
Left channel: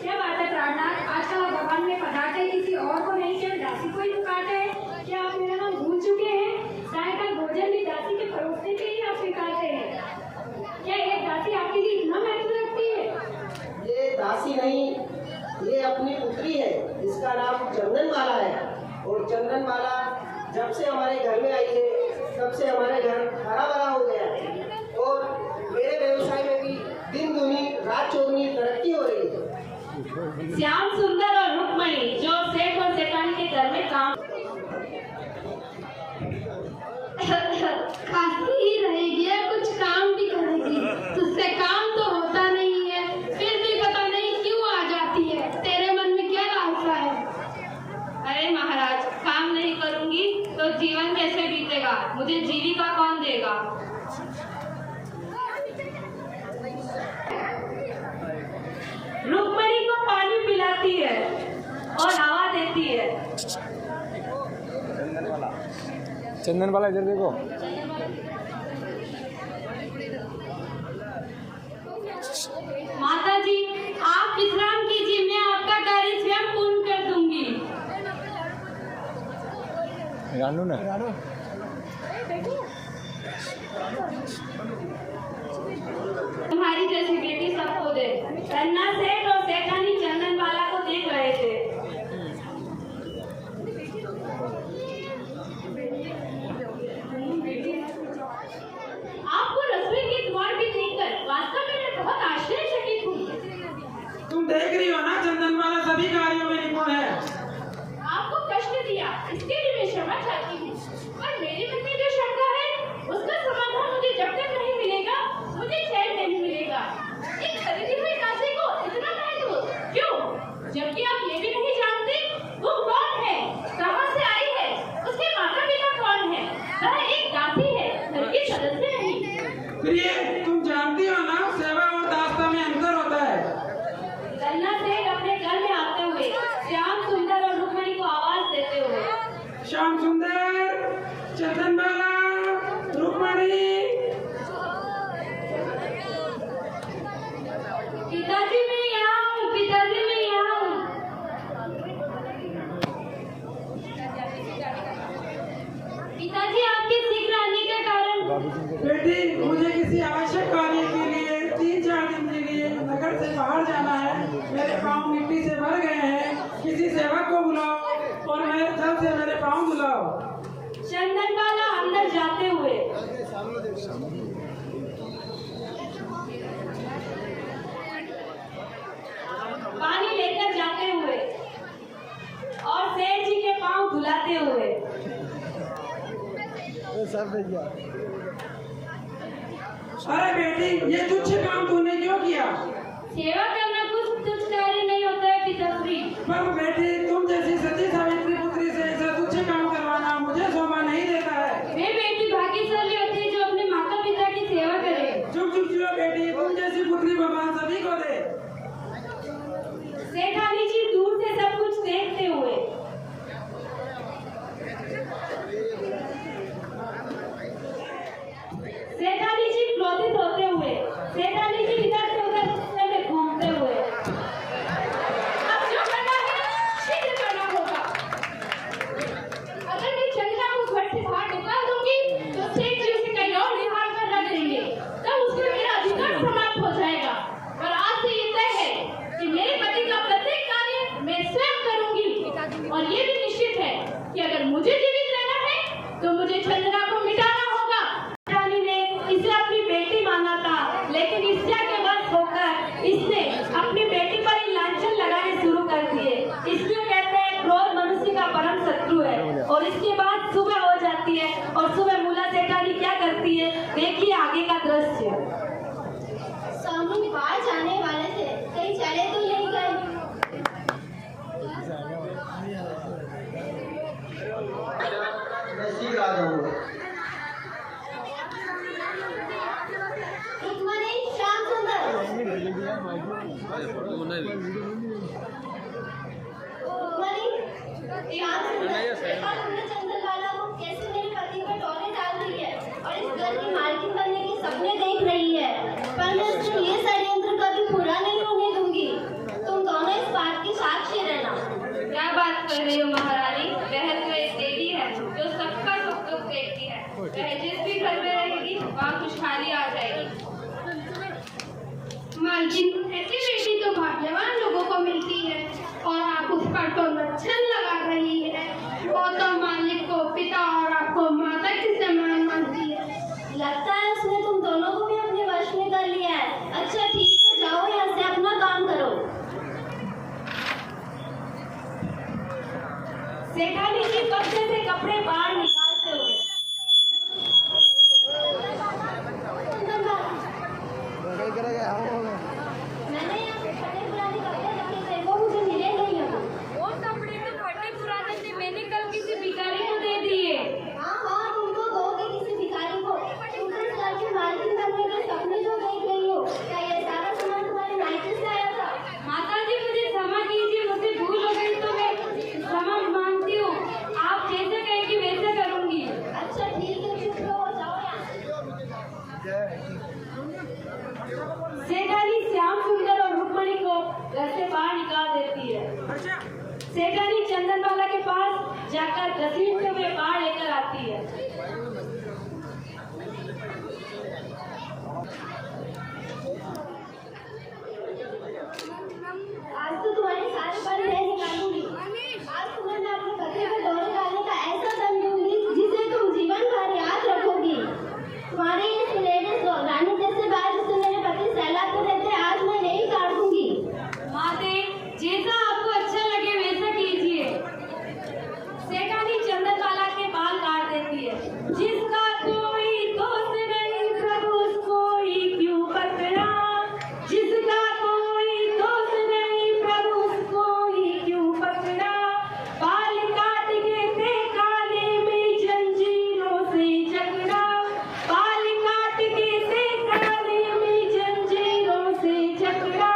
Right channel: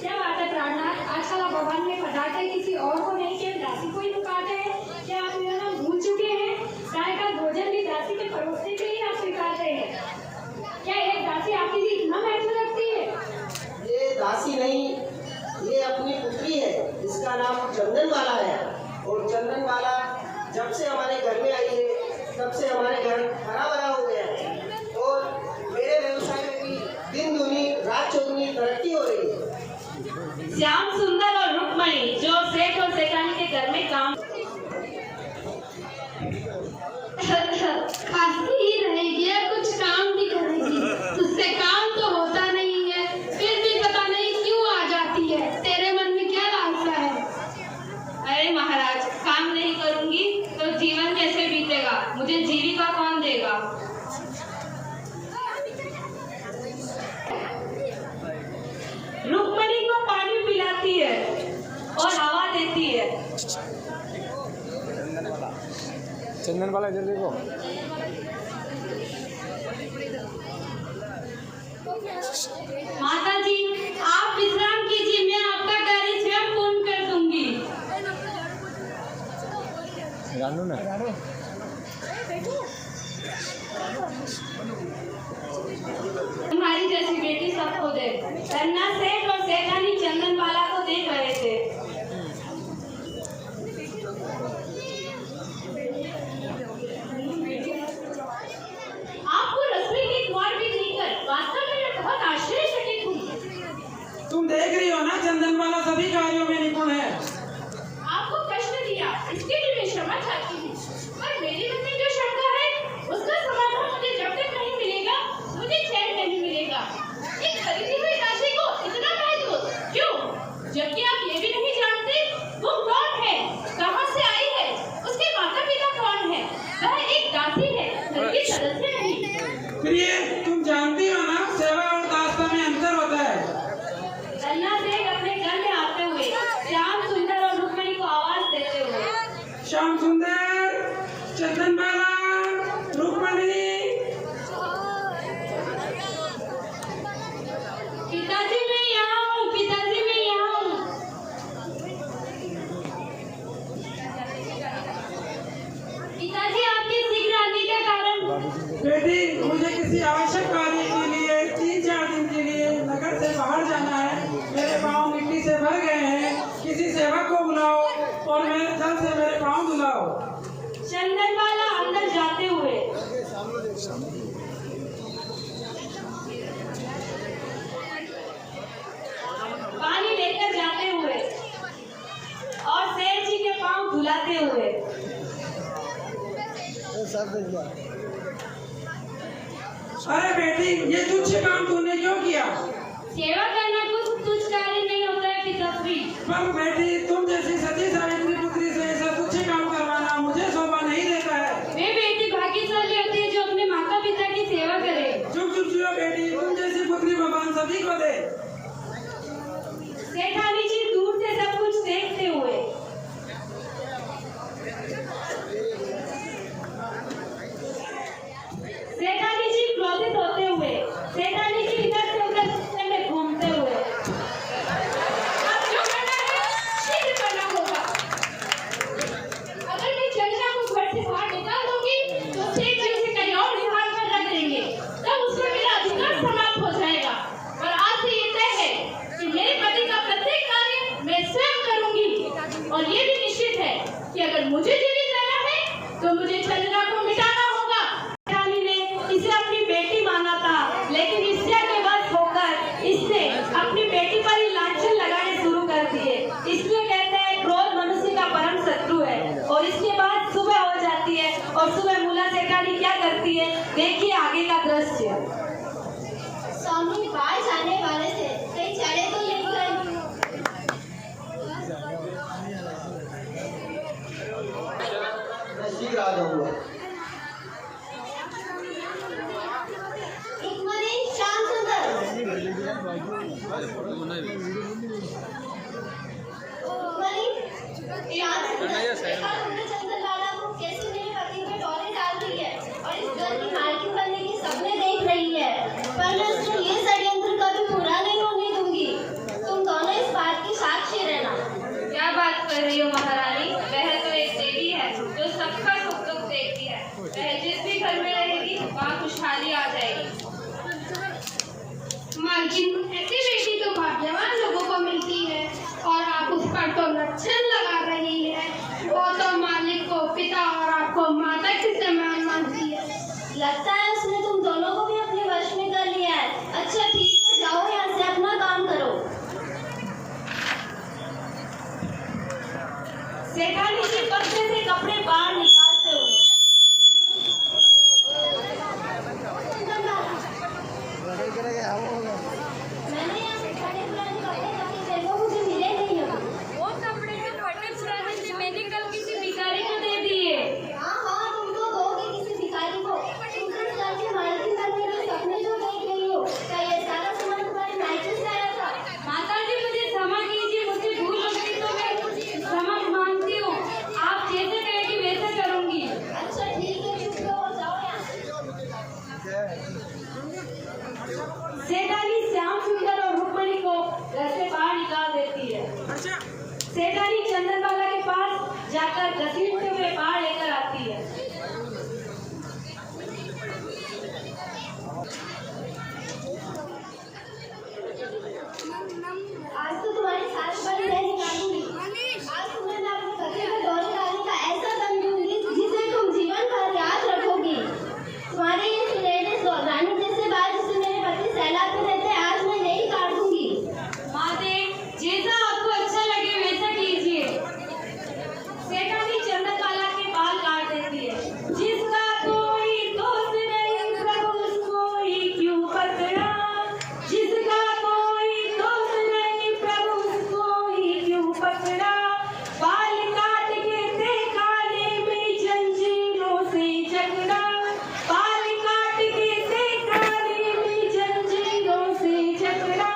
क्या बात है प्राणनाथ, आजकल आप भगवान में पधारते हैं, किसी और को नहीं, केवल दासी को ही पुकारते हैं। क्या आप मेरा नाम भूल चुके हैं? गाय का भोजन भी दासी के परोसने पे ही आप स्वीकारते हैं। क्या एक दासी आपके लिए इतना महत्व रखती है? ये दासी नहीं, ये अपनी पुत्री है, इसका नाम चंदनबाला है। और चंदनबाला जब से हमारे घर में आई है, तब से हमारे घर हरा भरा हो गया है और मेरे व्यवसाय में भी दिन दूनी रात चौगुनी तरक्की हो रही है। श्याम सुंदर और रुक्मणी जो सेठ और सेठानी के घर में काम खांसी ही रहेगी या कुछ काम भी करेगी, उससे काम तो होता नहीं है, फिर भी पता नहीं क्यों आ जाती है। तेरे मन में क्या लालसा है? अरे महाराज, काम नहीं करूंगी तो जीवन कैसे बीतेगा? मुझे जीविका कौन देगा? रुक्मणी को पानी पिलाती है और हवा देती है। चंदनबाला इधर देखो। माता जी, आप विश्राम कीजिए, मैं आपका कार्य स्वयं पूर्ण कर दूंगी। रानू ना तुम्हारी जैसी बेटी सबको दे। धन्ना सेठ और सेठानी चंदनबाला को देख रहे थे। आपको रसोई के द्वार भी देखकर वास्तव में मैं बहुत आश्चर्यचकित हूँ। तुम देख रही हो ना, चंदनबाला सभी कार्यों में निपुण है। आपको कष्ट दिया, इसके लिए मैं क्षमा चाहती हूँ, पर मेरे मन में जो शंका है उसका समाधान मुझे जब तक नहीं मिलेगा, मुझे चैन नहीं मिलेगा। एक खरीदी हुई राशि को इतना महत्व क्यों? जबकि आप ये भी नहीं जानते वो कौन है, कहाँ से आई है, उसके माता पिता कौन है। वह एक दासी है, घर के सदस्य नहीं। प्रिय, तुम जानती हो ना, सेवा अरे बेटी, ये तुच्छ काम तूने क्यों किया? सेवा करना कुछ तुच्छ कार्य नहीं होता है पिताश्री। पर बेटी, तुम जैसी सती सावित्री पुत्री से ऐसा तुच्छ काम करवाना मुझे शोभा नहीं देता है। वे बेटी भाग्यशाली होती है जो अपने माता पिता की सेवा करे। चुप चुप चुप बेटी, तुम जैसी पुत्री भगवान सभी को दे। सेठानी जी दूर से सब कुछ देखते हुए सेठानी जी क्रोधित होते हुए सेठानी जी इधर से उधर रास्ते में घूमते हुए अब जो करना है शीघ्र करना होगा। अगर मैं चंद्रा को घर से बाहर निकाल दूंगी तो सेठ जी उसे कहीं और निकाल कर रख देंगे, तब उस पर मेरा अधिकार समाप्त हो जाएगा। पर आज से ये तय है कि मेरे पति का प्रत्येक कार्य मैं स्वयं करूंगी, और ये भी निश्चित है कि अगर मुझे जीवित रहना है तो मुझे चंद्रा को मिटाना होगा। रानी ने इसे अपनी बेटी माना था, लेकिन इच्छा के वश होकर इसने अपनी बेटी पर ही लांछन लगाने शुरू कर दिए। इसलिए कहते हैं क्रोध मनुष्य का परम शत्रु है। और इसके बाद सुबह हो जाती है और सुबह मूला सेठानी क्या करती है, देखिए आगे का दृश्य। स्वामी बाहर जाने वाले थे, कहीं चले तो नहीं गए। मैं शीघ्र आ जाऊंगा। रुक्मणी, श्याम सुंदर। रुक्मणी, श्याम सुंदर, देखा तुमने चंद्रबाला को कैसे मेरे पति पर टोने डाल दी है और इस घर की मालकिन बनने के सपने देख रही है। पर मैं उसको ये षड्यंत्र कभी पूरा नहीं होने दूंगी। तुम दोनों इस बात की साक्षी रहना। क्या बात कर रही हो महारानी? वह तो एक देवी है जो सबका सुख दुख देखती है। वह जिस भी घर में रहेगी वहाँ खुशहाली आ जाएगी। मालकिन, ऐसी बेटी तो भाग्यवान लोगों को मिलती है और आप उस पर तो लक्षण लगा रही है। वो तो मालिक को पिता और आपको माता के समान मानती है। लगता है उसने तुम दोनों को भी अपने वश में कर लिया है। अच्छा ठीक है, जाओ यहाँ से अपना काम करो। सेठानी जी पर्दे से कपड़े बाहर निकालते हुए मैंने यहाँ से फटे पुराने कपड़े रखे थे, वो मुझे मिले नहीं अभी। वो कपड़े तो फटे पुराने थे, मैंने कल किसी भिखारी को दे दिए। हाँ हाँ, तुम तो दोगे किसी भिखारी को। तुम तो इस घर की मालकिन बनने के सपने जो देख रही हो, क्या ये सारा सामान तुम्हारे मायके से आया था? माता जी मुझे क्षमा कीजिए, मुझे भूल हो गई तो मैं क्षमा मांगती हूँ। आप जैसे कहेगी वैसे करूँगी। अच्छा ठीक है, चुप रहो, जाओ यहाँ से। सेठानी श्याम सुंदर और रुक्मणी को घर से बाहर निकाल देती है। सेठानी चंदनबाला के पास जाकर घसीटते हुए बाहर लेकर आती है। आज तो तुम्हारी सारी बड़ी रह निकालूंगी। आज तुम्हें मैं अपने पति को दौरे डालने का ऐसा दम दूंगी जिसे तुम जीवन भर याद रखोगी। तुम्हारी ये सुनहरे रानी जैसे बाल जिसे मेरे पति सैलाब में रहते हैं, आज मैं यही काट दूंगी। माते, जैसा आपको अच्छा लगे वैसा कीजिए। सेठानी चंदनबाला के बाल काट देती है। जिसका कोई दोष नहीं प्रभु उसको ही क्यों पकड़ा, जिसका कोई दोष नहीं प्रभु उसको ही क्यों पकड़ा। बाल काट के थे काले में जंजीरों से जकड़ा, बाल काट के थे काले में जंजीरों से जकड़ा।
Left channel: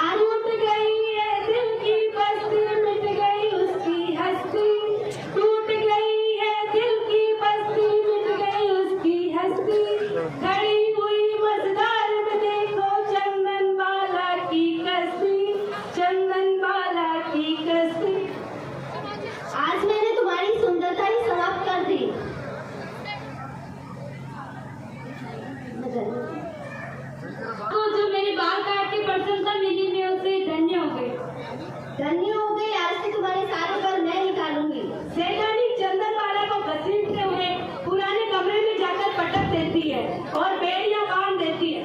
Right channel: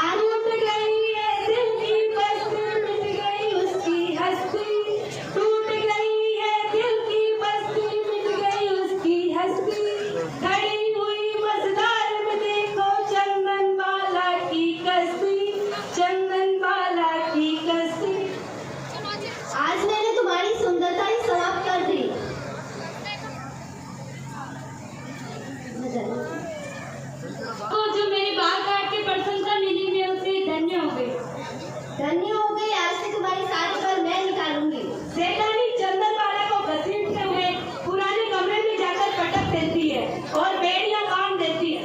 आज उठ गई है दिल की बस्ती, मिट गई उसकी हस्ती, टूट गई है दिल की बस्ती, मिट गई उसकी हस्ती। खड़ी हुई मझधार में देखो चंदनबाला की कश्ती, चंदनबाला की कश्ती। आज मैंने तुम्हारी सुंदरता ही समाप्त कर दी। तो जो मेरे बाल काट के प्रशंसा मिली मैं उसे धन्य हो गई। धन्य हो गई, आज से तुम्हारी सारी बाल मैं निकालूंगी। सेठानी चंदनबाला को घसीटते हुए पुराने कमरे में जाकर पटक देती है और बेड़ियां बांध देती है।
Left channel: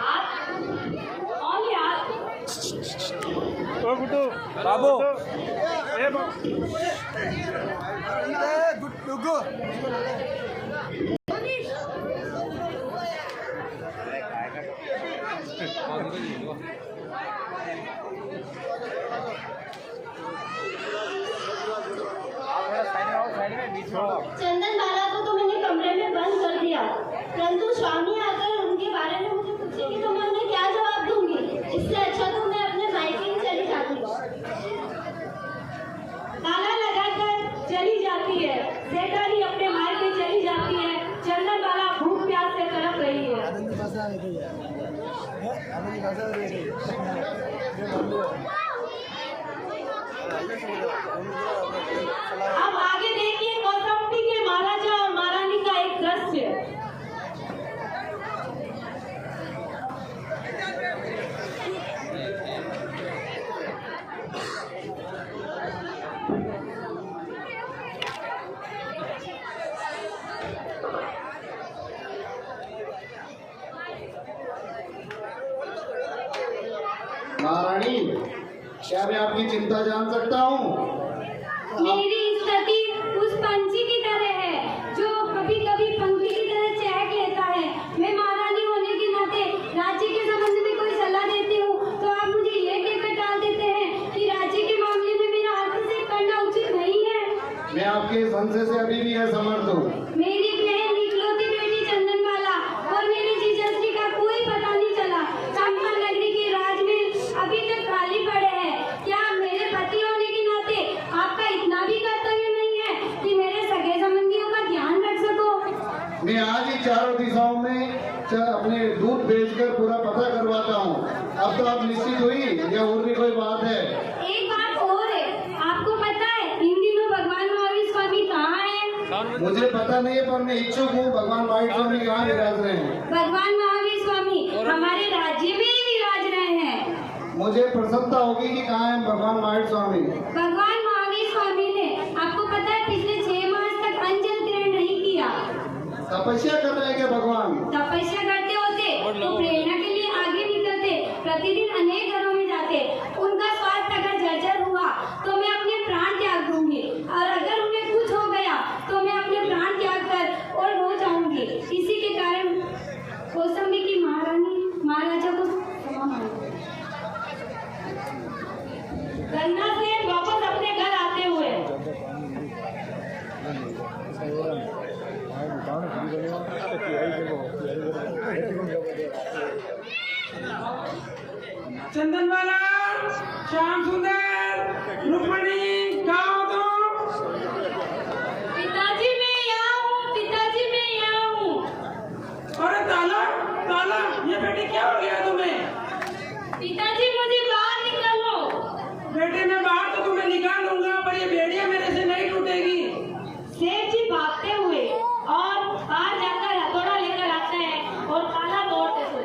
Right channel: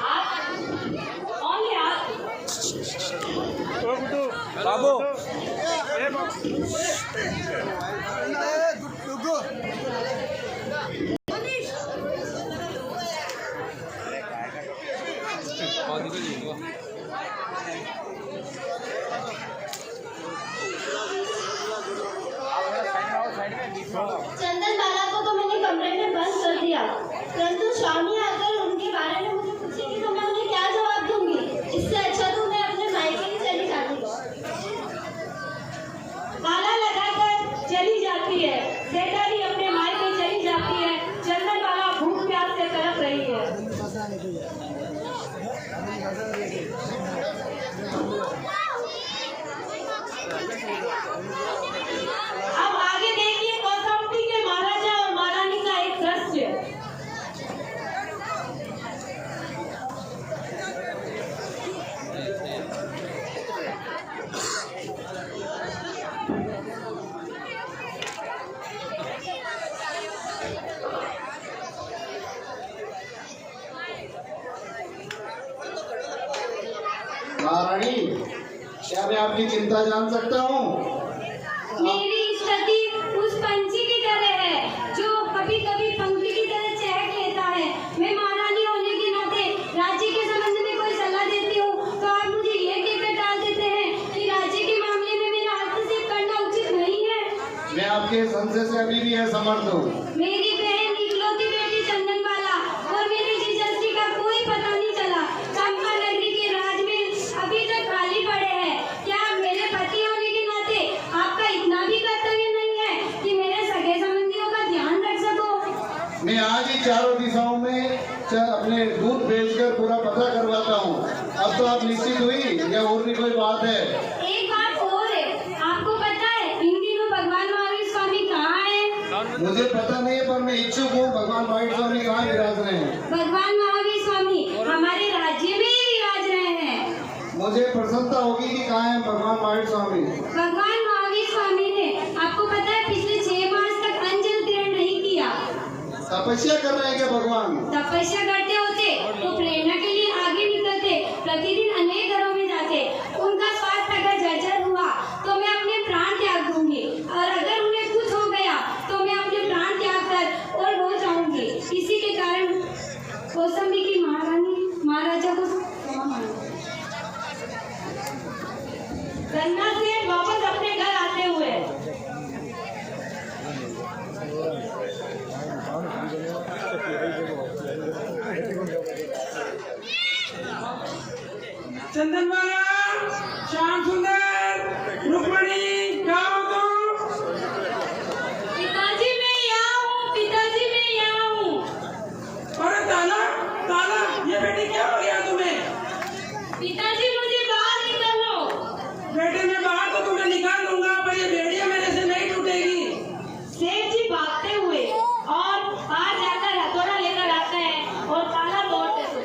हाथ, only हाथ। बाबू चंदन बाला को तो मैंने कमरे में बंद कर दिया, परंतु स्वामी आकर उनके बारे में मुझे पूछेगी तो मैं उन्हें क्या जवाब दूंगी। इससे अच्छा तो मैं अपने मायके ही चली जाती। ताला लगाकर चली जाती है, सेठानी अपने मायके चली जाती है। चंदन बाला भूख प्यास से तड़प रही है। अब आगे देखिए कौशंबी के महाराजा और महारानी का एक दृश्य। महारानी, क्या मैं आपकी चिंता जान सकता हूँ? मेरी स्थिति उस पंछी की तरह है जो कभी कभी पंखी की तरह चहक लेता है। मैं महारानी होने के नाते राज्य के संबंध में कोई सलाह देती हूँ तो आप मुझे ये कहकर टाल देते हैं कि राज्य के मामले में मेरा हस्तक्षेप करना उचित नहीं है। मैं आपके संशय से अभी भी असमर्थ हूँ। मेरी बहन इकलौती बेटी चंदन बाला और मेरी जीजाजी का कोई पता नहीं चला। चंपा नगरी के राजमहल अभी तक खाली पड़े हैं। क्या मेरे पति होने के नाते आपका इतना भी कर्तव्य नहीं है कि मेरे सगे संबंधियों का ध्यान रख सको? मैं आज ही चारों दिशाओं में अपने दूध भेजकर पूरा पता करवाता हूँ। अब तो आप निश्चित हुई या और भी कोई बात है? एक बात और है, आपको पता है इन दिनों भगवान महावीर स्वामी कहाँ है? मुझे पता नहीं है, पर मैं इच्छुक हूँ भगवान महावीर स्वामी कहाँ विराज रहे हैं। भगवान महावीर स्वामी हमारे राज्य में ही विराज रहे हैं। मुझे प्रसन्नता होगी कि कहाँ है भगवान महावीर स्वामी। भगवान महावीर स्वामी ने आपको पता है पिछले 6 मास तक अंजल ग्रहण नहीं किया। तपस्या कर रहे हैं क्या भगवान? तपस्या करते होते तो प्रेरणा के लिए आगे निकलते, प्रतिदिन अनेक घरों में जाते। उनका स्वास्थ्य अगर जर्जर हुआ तो मैं अपने प्राण त्याग दूंगी, और अगर उन्हें कुछ हो गया तो मैं अपने प्राण त्याग कर और हो जाऊंगी। इसी के कारण कौशंबी की महारानी महाराजा को क्षमा मांगी। गन्ना सेठ वापस अपने घर आते हुए चंदन वाला, श्याम सुंदर, रुक्मणी, कहाँ हो तुम? पिताजी मैं यहाँ हूँ, पिताजी मैं यहाँ हूँ। अरे ताला, ताला, ये बेटी क्या हो गया तुम्हें? पिताजी मुझे बाहर निकालो। बेटे मैं बाहर तो तुम्हें निकाल दूंगा, पर ये बेड़िया मेरे से नहीं टूटेगी। सेठ जी भागते हुए और बाहर जाकर हथौड़ा लेकर आते हैं और ताला तोड़ते थे।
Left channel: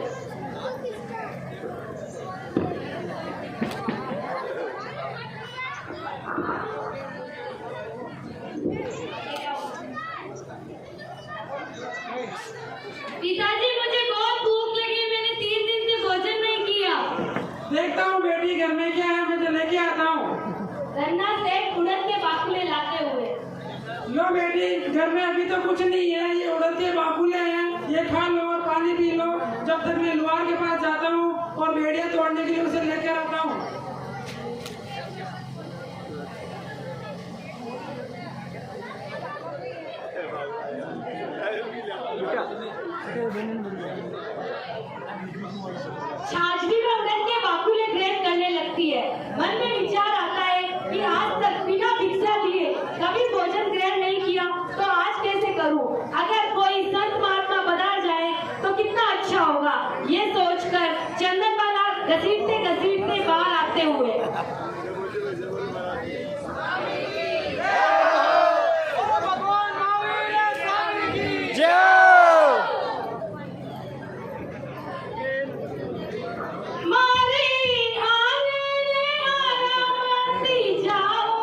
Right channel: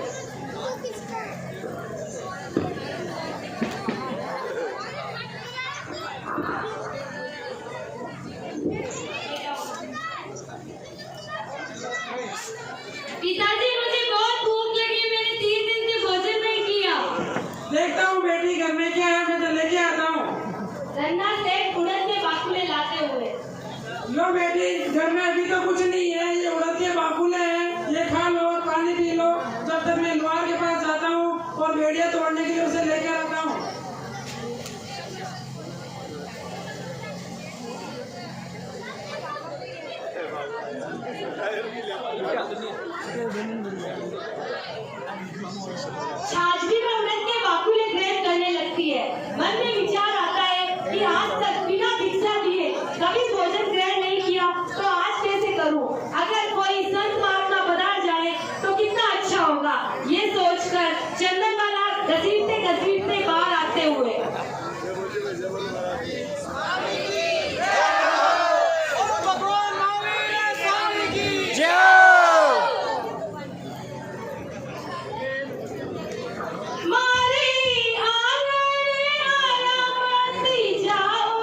पिताजी मुझे बहुत भूख लगी, मैंने 3 दिन से भोजन नहीं किया। देखता हूँ बेटी घर में क्या है, मैं तो लेके आता हूँ। रन्ना सेठ उड़द के बाकुले लाते हुए। लो बेटी, घर में अभी तो कुछ नहीं है, ये उड़द के बाकुले हैं, ये खा लो और पानी पी लो, जब तक मैं लोहार के पास जाता हूँ और बेड़िया तोड़ने के लिए उसे लेकर आता हूँ। छाछ भी उड़द के बाकुले ग्रहण करने लगती है। मन में विचार आता है कि आज तक बिना भिक्षा दिए कभी भोजन ग्रहण नहीं किया, तो आज कैसे करूं? अगर कोई संत महात्मा बता जाए तो कितना अच्छा होगा। ये सोचकर चंदन वाला घसीटते बाहर आते हुए मारी आंगन आरामती जाओ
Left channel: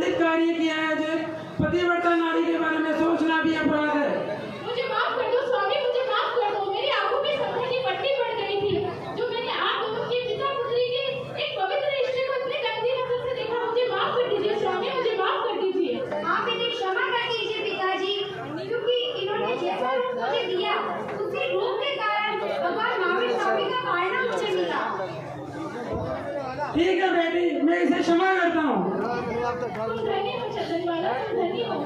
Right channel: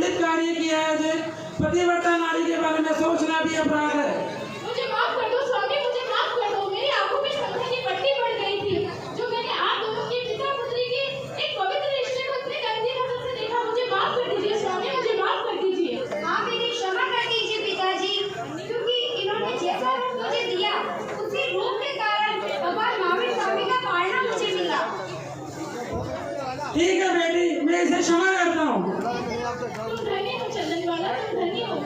दंडित कार्य किया है। जो पतिव्रता नारी के बारे में सोचना भी अपराध है। मुझे माफ कर दो स्वामी, मुझे माफ कर दो। मेरी आंखों में श्रद्धा की पट्टी पड़ गई थी जो मैंने आप दोनों के पिता पुत्री के एक पवित्र रिश्ते को इतने गंदी नजर से देखा। मुझे माफ कर दीजिए स्वामी, मुझे माफ कर दीजिए। आप इन्हें क्षमा कर दीजिए पिताजी, क्योंकि इन्होंने जैसा रूप मुझे दिया उसी रूप के कारण भगवान महावीर स्वामी का पालना मुझे मिला। ठीक है बेटी, मैं इसे क्षमा करता हूँ। तुम धन्य हो चंदनवाला, तुम धन्य हो।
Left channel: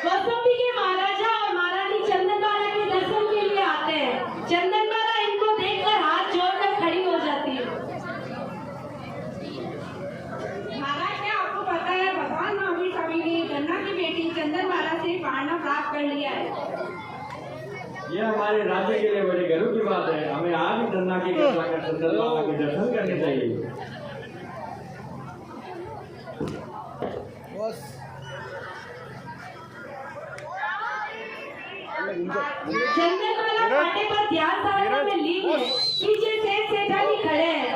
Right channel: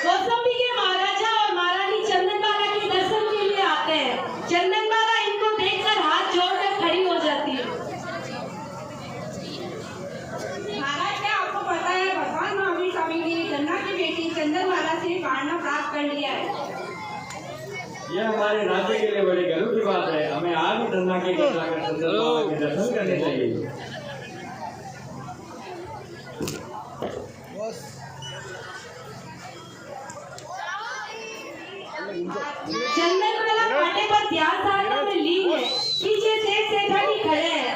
कौशाम्बी के महाराजा और महारानी चंदनबाला के दर्शन के लिए आते हैं। चंदनबाला इनको देखकर हाथ जोड़कर खड़ी हो जाती है। महाराज, क्या आपको पता है भगवान महावीर स्वामी ने गन्ना की बेटी चंदनबाला से पालना प्राप्त कर लिया है। यह हमारे राज्य के लिए बड़े गर्व की बात है। हमें आज ही गन्ना की कथा कर चंदनबाला के दर्शन करने चाहिए। चंदनबाला कांटे पर ध्यान धारणा में लीन है। पीछे से सेठानी खड़े हैं।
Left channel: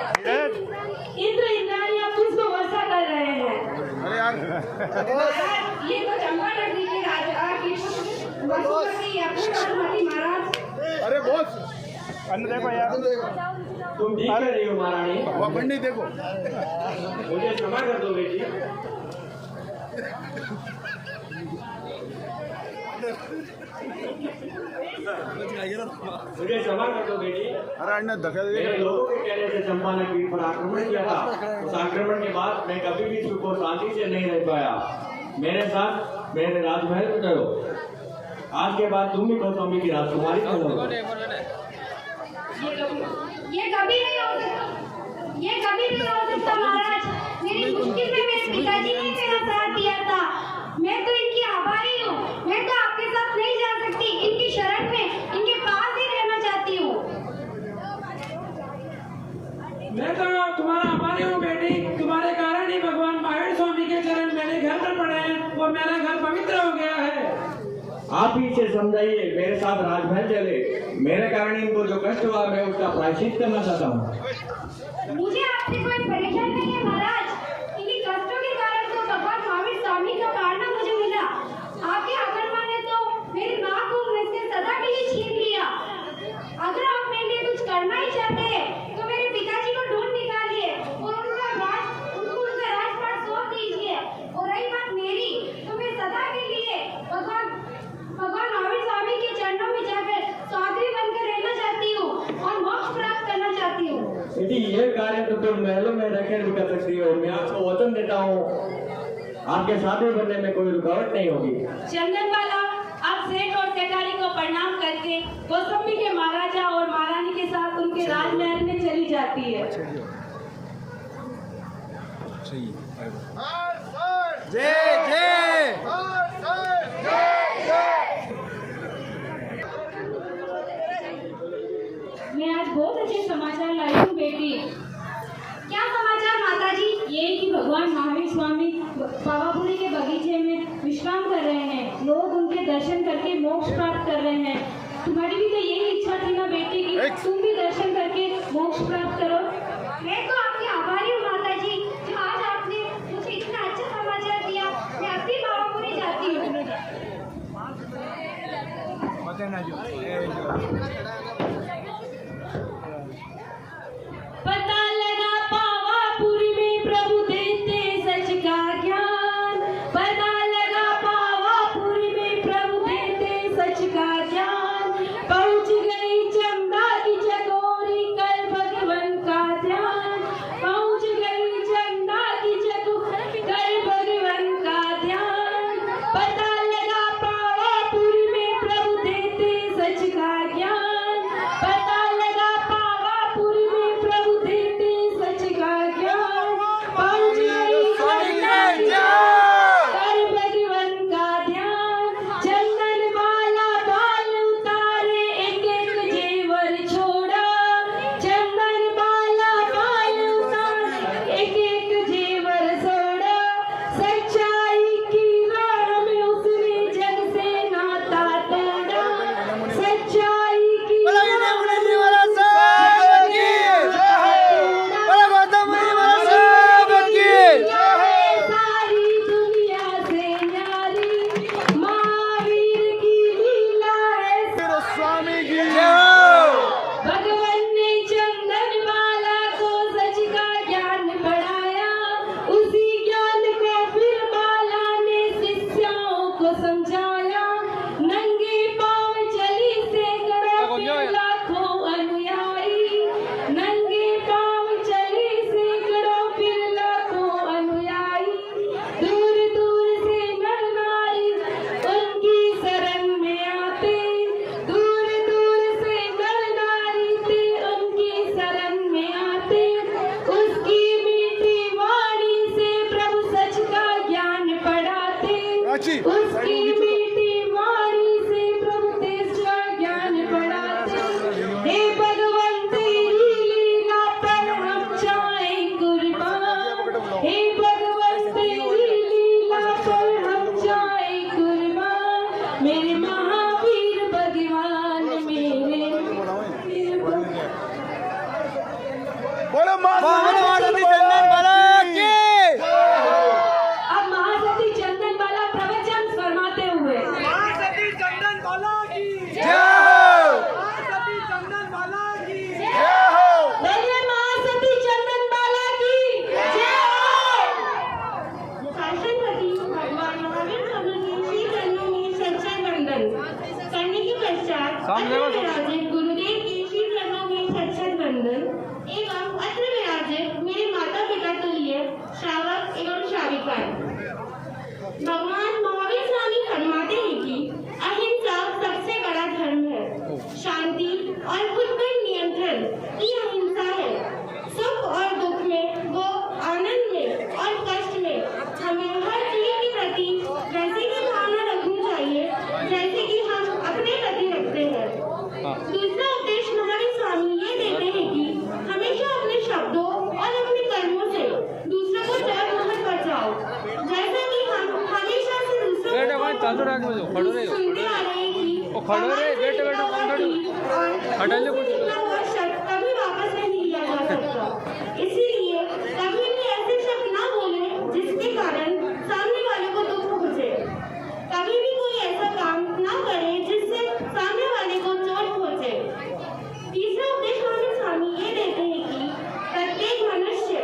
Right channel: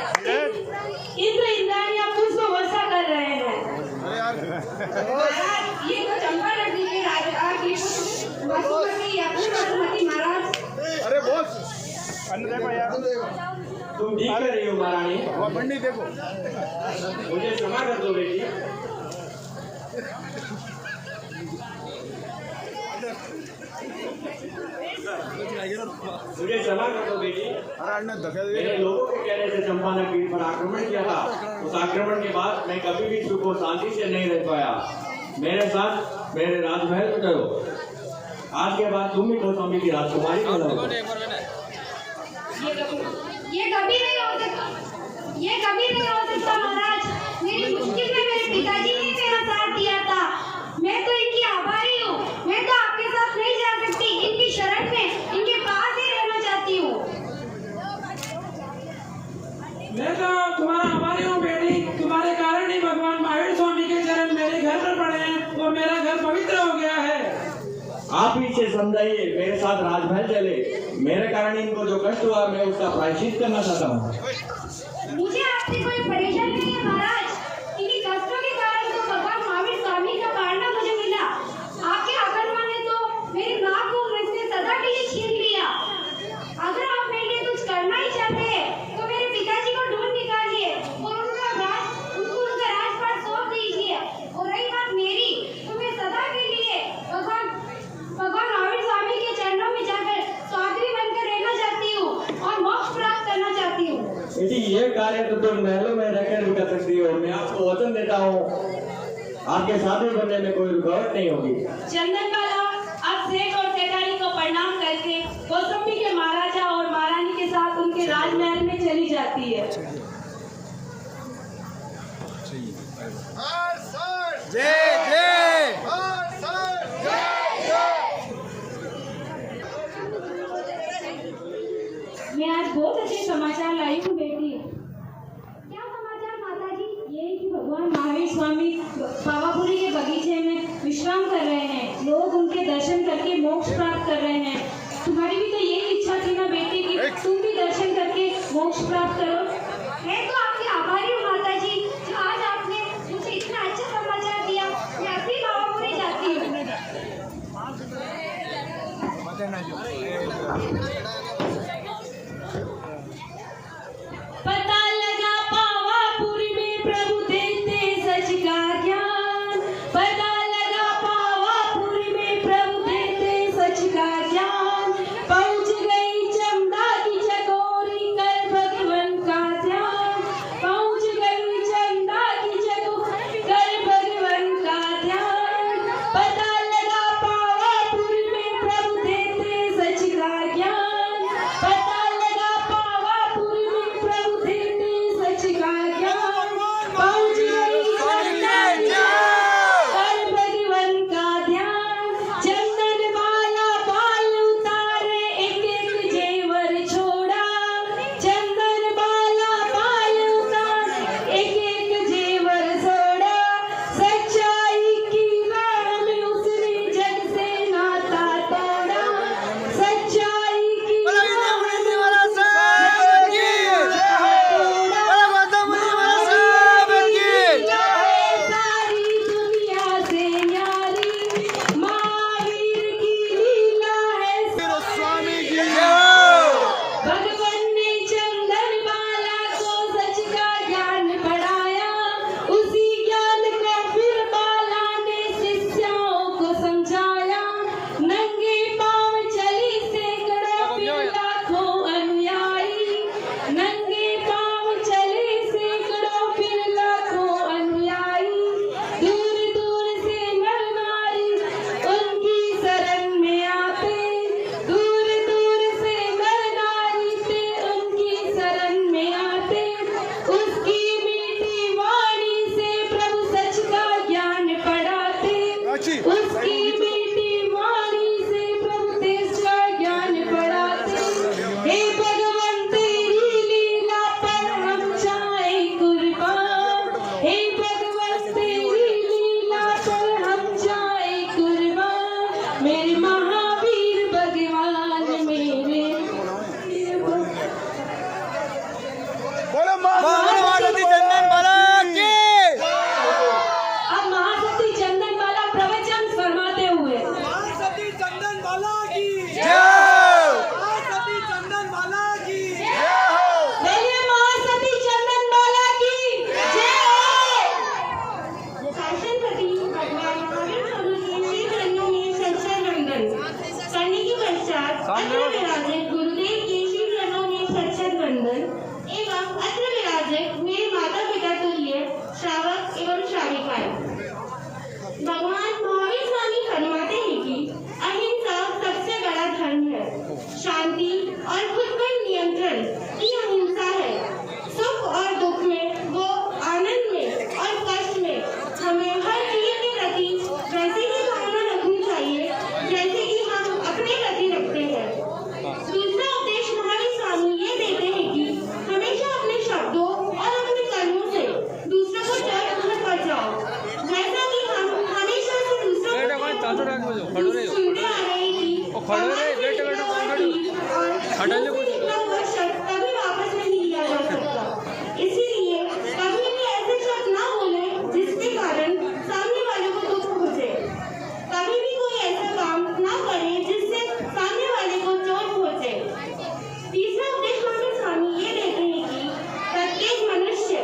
इंद्र इंद्राणियां पुष्प वर्षा कर रहे हैं। महाराज, ये तो चंपा नगरी के राजा की वसुमती या वसुमती महाराज। तुम ठीक कर रही हो महारानी, मुझे क्षमा कर दो बेटी। मुझे क्षमा कर दो बेटी। मेरे लोगों के कहने से चंपा ने पीठ पर आक्रमण किया था। उस आक्रमण के बाद मैं कभी भी सुख और शांति से नहीं रह पाया। मेरे साथ मेरे राजमहल में चलो। आज के बाद तुम ही कौशाम्बी की राजकुमारी बनो। ये कभी नहीं हो सकता महाराज। मेरी मुश्किल में मेरे पिताजी ने मेरा साथ दिया था। मैं तो इनकी आभारी हूँ। मैं तो आपके साथ नहीं जा सकती। इनकी शरण में इनके पास ही रहना चाहती हूँ। मैं तो तुम्हारा आभारी हूँ बेटी। तुम्हारे कारण ही भगवान महावीर स्वामी के चरण मेरे घर पर पड़े हैं और मेरा घर पवित्र हो गया है। आप ही इसे समझाइए, मेरे साथ राजमहल चले। मेरे कारण इनको जो कष्ट हुआ मैं उसका प्रायश्चित करना चाहता हूँ। मुझे आपसे कोई परेशानी नहीं है महाराज। इन्हीं कष्टों के कारण तो भगवान महावीर स्वामी का पालना मुझे मिला। आपके आगमन ने तो मेरी माँ को मुझसे सदा के लिए छीन लिया। अगर आप मेरे लिए कुछ करना ही चाहते हैं तो मेरे पिताजी को ढूंढ निकालिए और उनको उनका राजपाट सौंप दीजिए। और रही बात मेरी, तो मैं सदा के लिए भगवान महावीर स्वामी के चरणों में जाकर साध्वी बनकर रहना चाहती हूँ और मोक्ष प्राप्त करना चाहती हूँ। बेटी, ये कार्य तो तुम महलों में रहकर नहीं कर सकती हो। मैं आपको वचन देता हूँ, आपके साथी बनने में कोई रुकावट नहीं होगी। चंदनबाला अब सेठ और सेठानी को प्रणाम करके कौशाम्बी के महाराजा और महारानी के साथ उनके राजमहल में चली जाती है। मैं आज बहुत अच्छे समाचार लाई हूँ बेटी। क्या समाचार माताजी? ये कि भगवान महावीर स्वामी पावापुरी के बगीचे में विश्राम कर रहे हैं। लोग उनके दर्शन करके मोक्ष प्राप्त कर रहे हैं। तुम्हारी भी तो यही इच्छा थी ना बेटी कि तुम भी दर्शन करके मोक्ष प्राप्त करो। मैं तो आपकी आभारी हूँ माताजी, जो आज आपने मुझे इतना अच्छा समाचार दिया। मैं अभी पावापुरी जाती हूँ। पता लगा पावापुरी में प्रभु देते सच का ज्ञान। पता लगा पावापुरी में प्रभु देते सच का ज्ञान। पहुंच गई चंदा की चकोरी कर भगवान का ध्यान। पहुंच गई चंदा की चकोरी कर भगवान का ध्यान। पता लगा पावापुरी में प्रभु देते सच का ज्ञान। पता मीठी मीठी वाणी से प्रभु तेरा ज्ञान बढ़ाते। हे भगवान तेरी लीला पर हम जाए कुर्बान। हे भगवान तेरी लीला पर हम जाए कुर्बान। मेरे महावीर भगवान मेरे चंदन बाला की अब महासती चंदन बाला प्रवचन फरमाते हुए महासती चंदन बाला की जय। महासती चंदन बाला की जय हो। बोलिए महासती चंदन बाला की जय हो। शासनपति भगवान महावीर स्वामी के श्री चरणों में सत्संग वंदन करने के पश्चात अत्र विराजित गुरुदेव के श्री चरणों में सत्संग वंदन एवं अत्र विराजित मेरे माता पिता तुल्य श्रावक एवं श्राविकाएं। भगवान महावीर स्वामी फरमाते हैं कि अहिंसा सबसे बड़ा धर्म है। शांति और खुद पर नियंत्रण ही अहिंसा है। सुख और दुख में वो आनंद में और कष्ट में हमें हर चीज के प्रति वैसे ही भावना रखनी चाहिए जैसे कि हम अपने प्रति रखते हैं। दूसरा उपदेश महावीर स्वामी ये देते हैं कि हमेशा अपने शब्दों और अपने कर्मों से दूसरे को चोट मत पहुंचाओ। जैसा कि हम हमेशा से दूसरों को सुनते आ रहे हैं कि और शब्द कभी वापस नहीं लिया जा सकता। इसीलिए कभी भी ऐसे शब्द ना बोले जिसके कारण सामने वालों को दुख पहुंचे। कभी भी कोई ऐसा काम ना करे जिससे सामने वाले को चोट पहुंचे। तीसरा उपदेश हमें स्वामी ये देते हैं कि प्रत्येक मनुष्य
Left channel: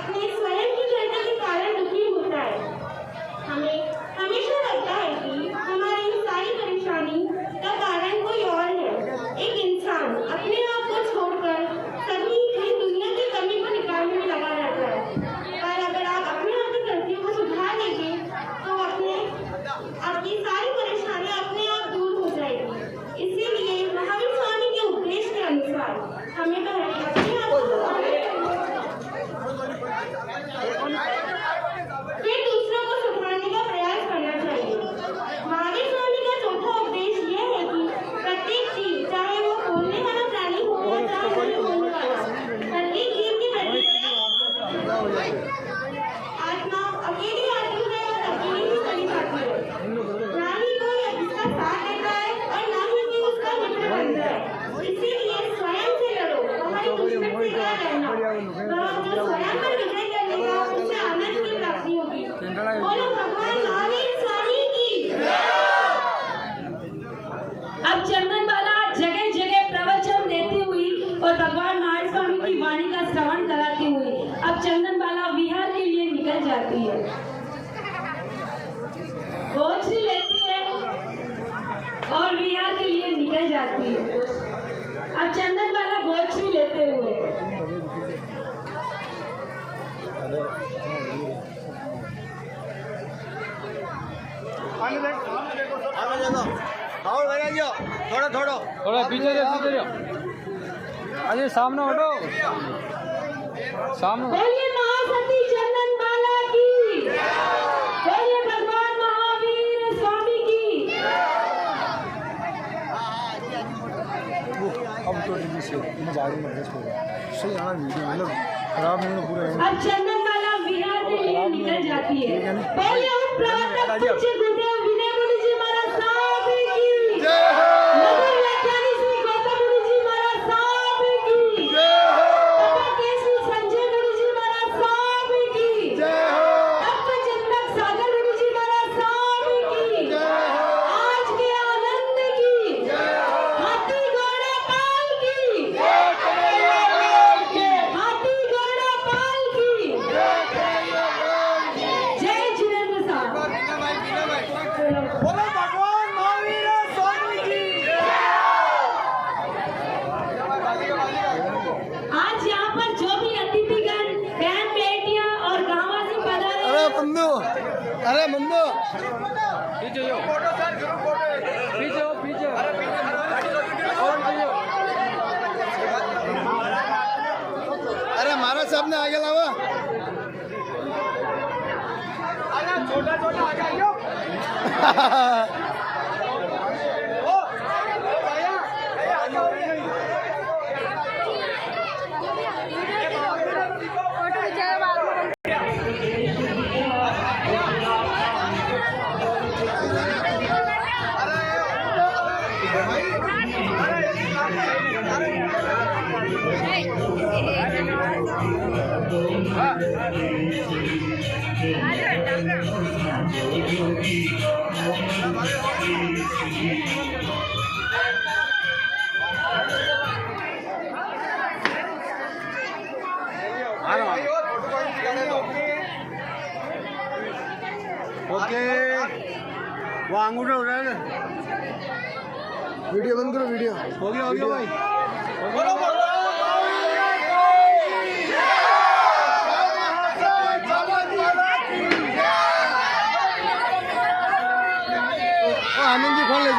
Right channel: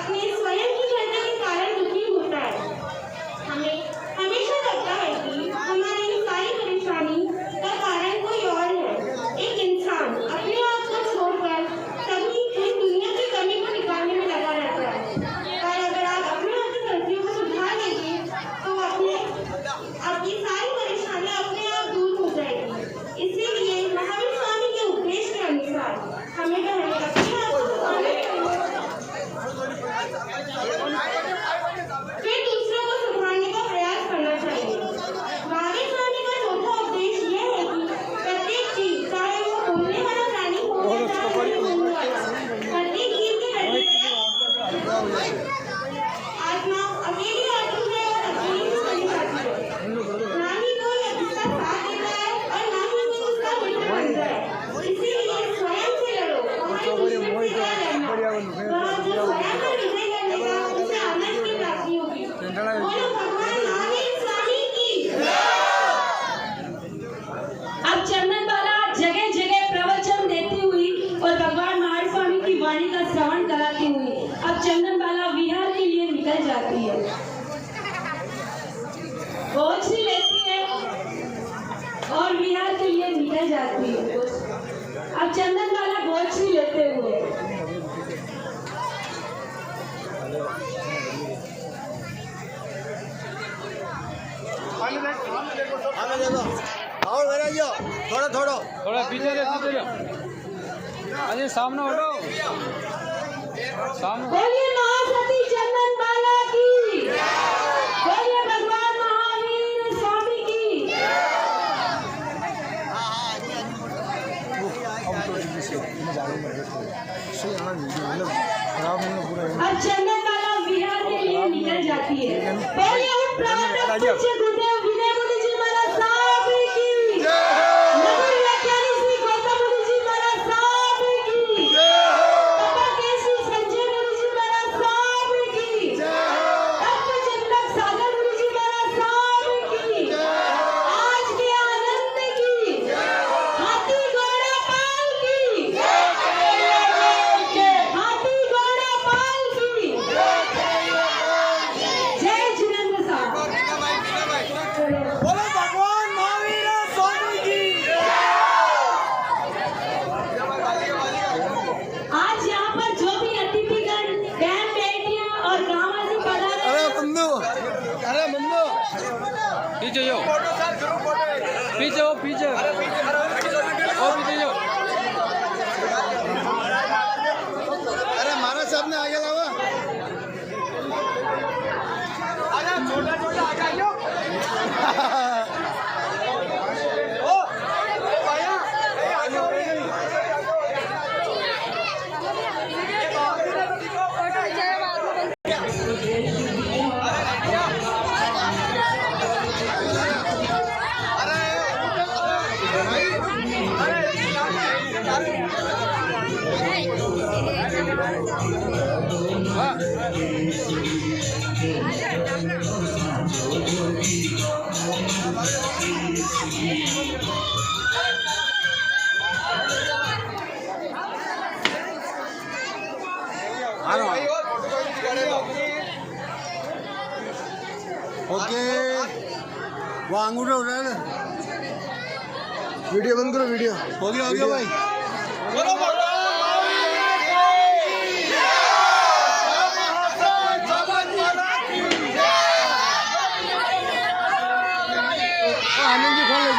अपने स्वयं की गलती के कारण दुखी होता है। हमें हमेशा लगता है कि हमारी सारी परेशानी का कारण कोई और है। एक इंसान अपने आप को छोड़कर सभी इन दुनिया की कमी को निकालने में लगा रहता है। पर अगर आप अपने आप की गलतियों को सुधार लेंगे तो आपकी सारी परेशानियां अपने आप दूर हो जाएगी। इसीलिए महावीर स्वामी के उपदेश के अनुसार हमें अपने आप को सुधारने फिर दूसरों को सुधारने का प्रयास करना चाहिए। महावीर स्वामी का चौथा उपदेश यह है कि प्रत्येक चीज चाहे वो बोलने वाला प्राणी हो या चाहे नहीं बोलने वाला, प्रत्येक जीव के प्रति आत्मा अकेली आती है और अकेली ही चली जाती है। ना ही कोई उसका साथ देता है और ना ही कोई उसका मित्र बनता है। इसीलिए स्वयं से लड़ो। हमारे दुश्मन से क्या लड़ना? जो स्वयं पर विजय करेगा उसे आनंद की प्राप्ति होगी। बोलो भगवान महावीर स्वामी की। अब चंदन बाला जगह जगह प्रवचन देती हुई और भगवान महावीर स्वामी की वाणी का श्रवण कराती हुई अब चंदन बाला विहार के लिए निकल जाती है। गोश्री लेती है और विहार के लिए निकल जाती है। अब चंदन बाला गोश्री लेते हुए थोड़ा पीछे अरे सामने हटो सामने। बोलिए महासती चंदन बाला की। बोलिए भगवान महावीर स्वामी की। अब चंदन बाला विहार के लिए निकल जाती है। बोलिए उन प्रवर्तक पूज्य गुरुदेव विनय मुनि जी महाराज साहब की। नगर व्याख्यानी श्री गौतम मुनि जी महाराज साहब की। बाबा केशव संजय मुनि जी महाराज साहब की। तत्वचिंतक सागर मुनि जी महाराज साहब की। आज के आनंद की। हाथी घोड़ा पाल की। हाथी घोड़ा पाल की। जय जिनेंद्र साहब। ओके वो अंगूठा उठाया ना वीडियो बंद करो वीडियो हो गया भाई आनंद जी फोन ले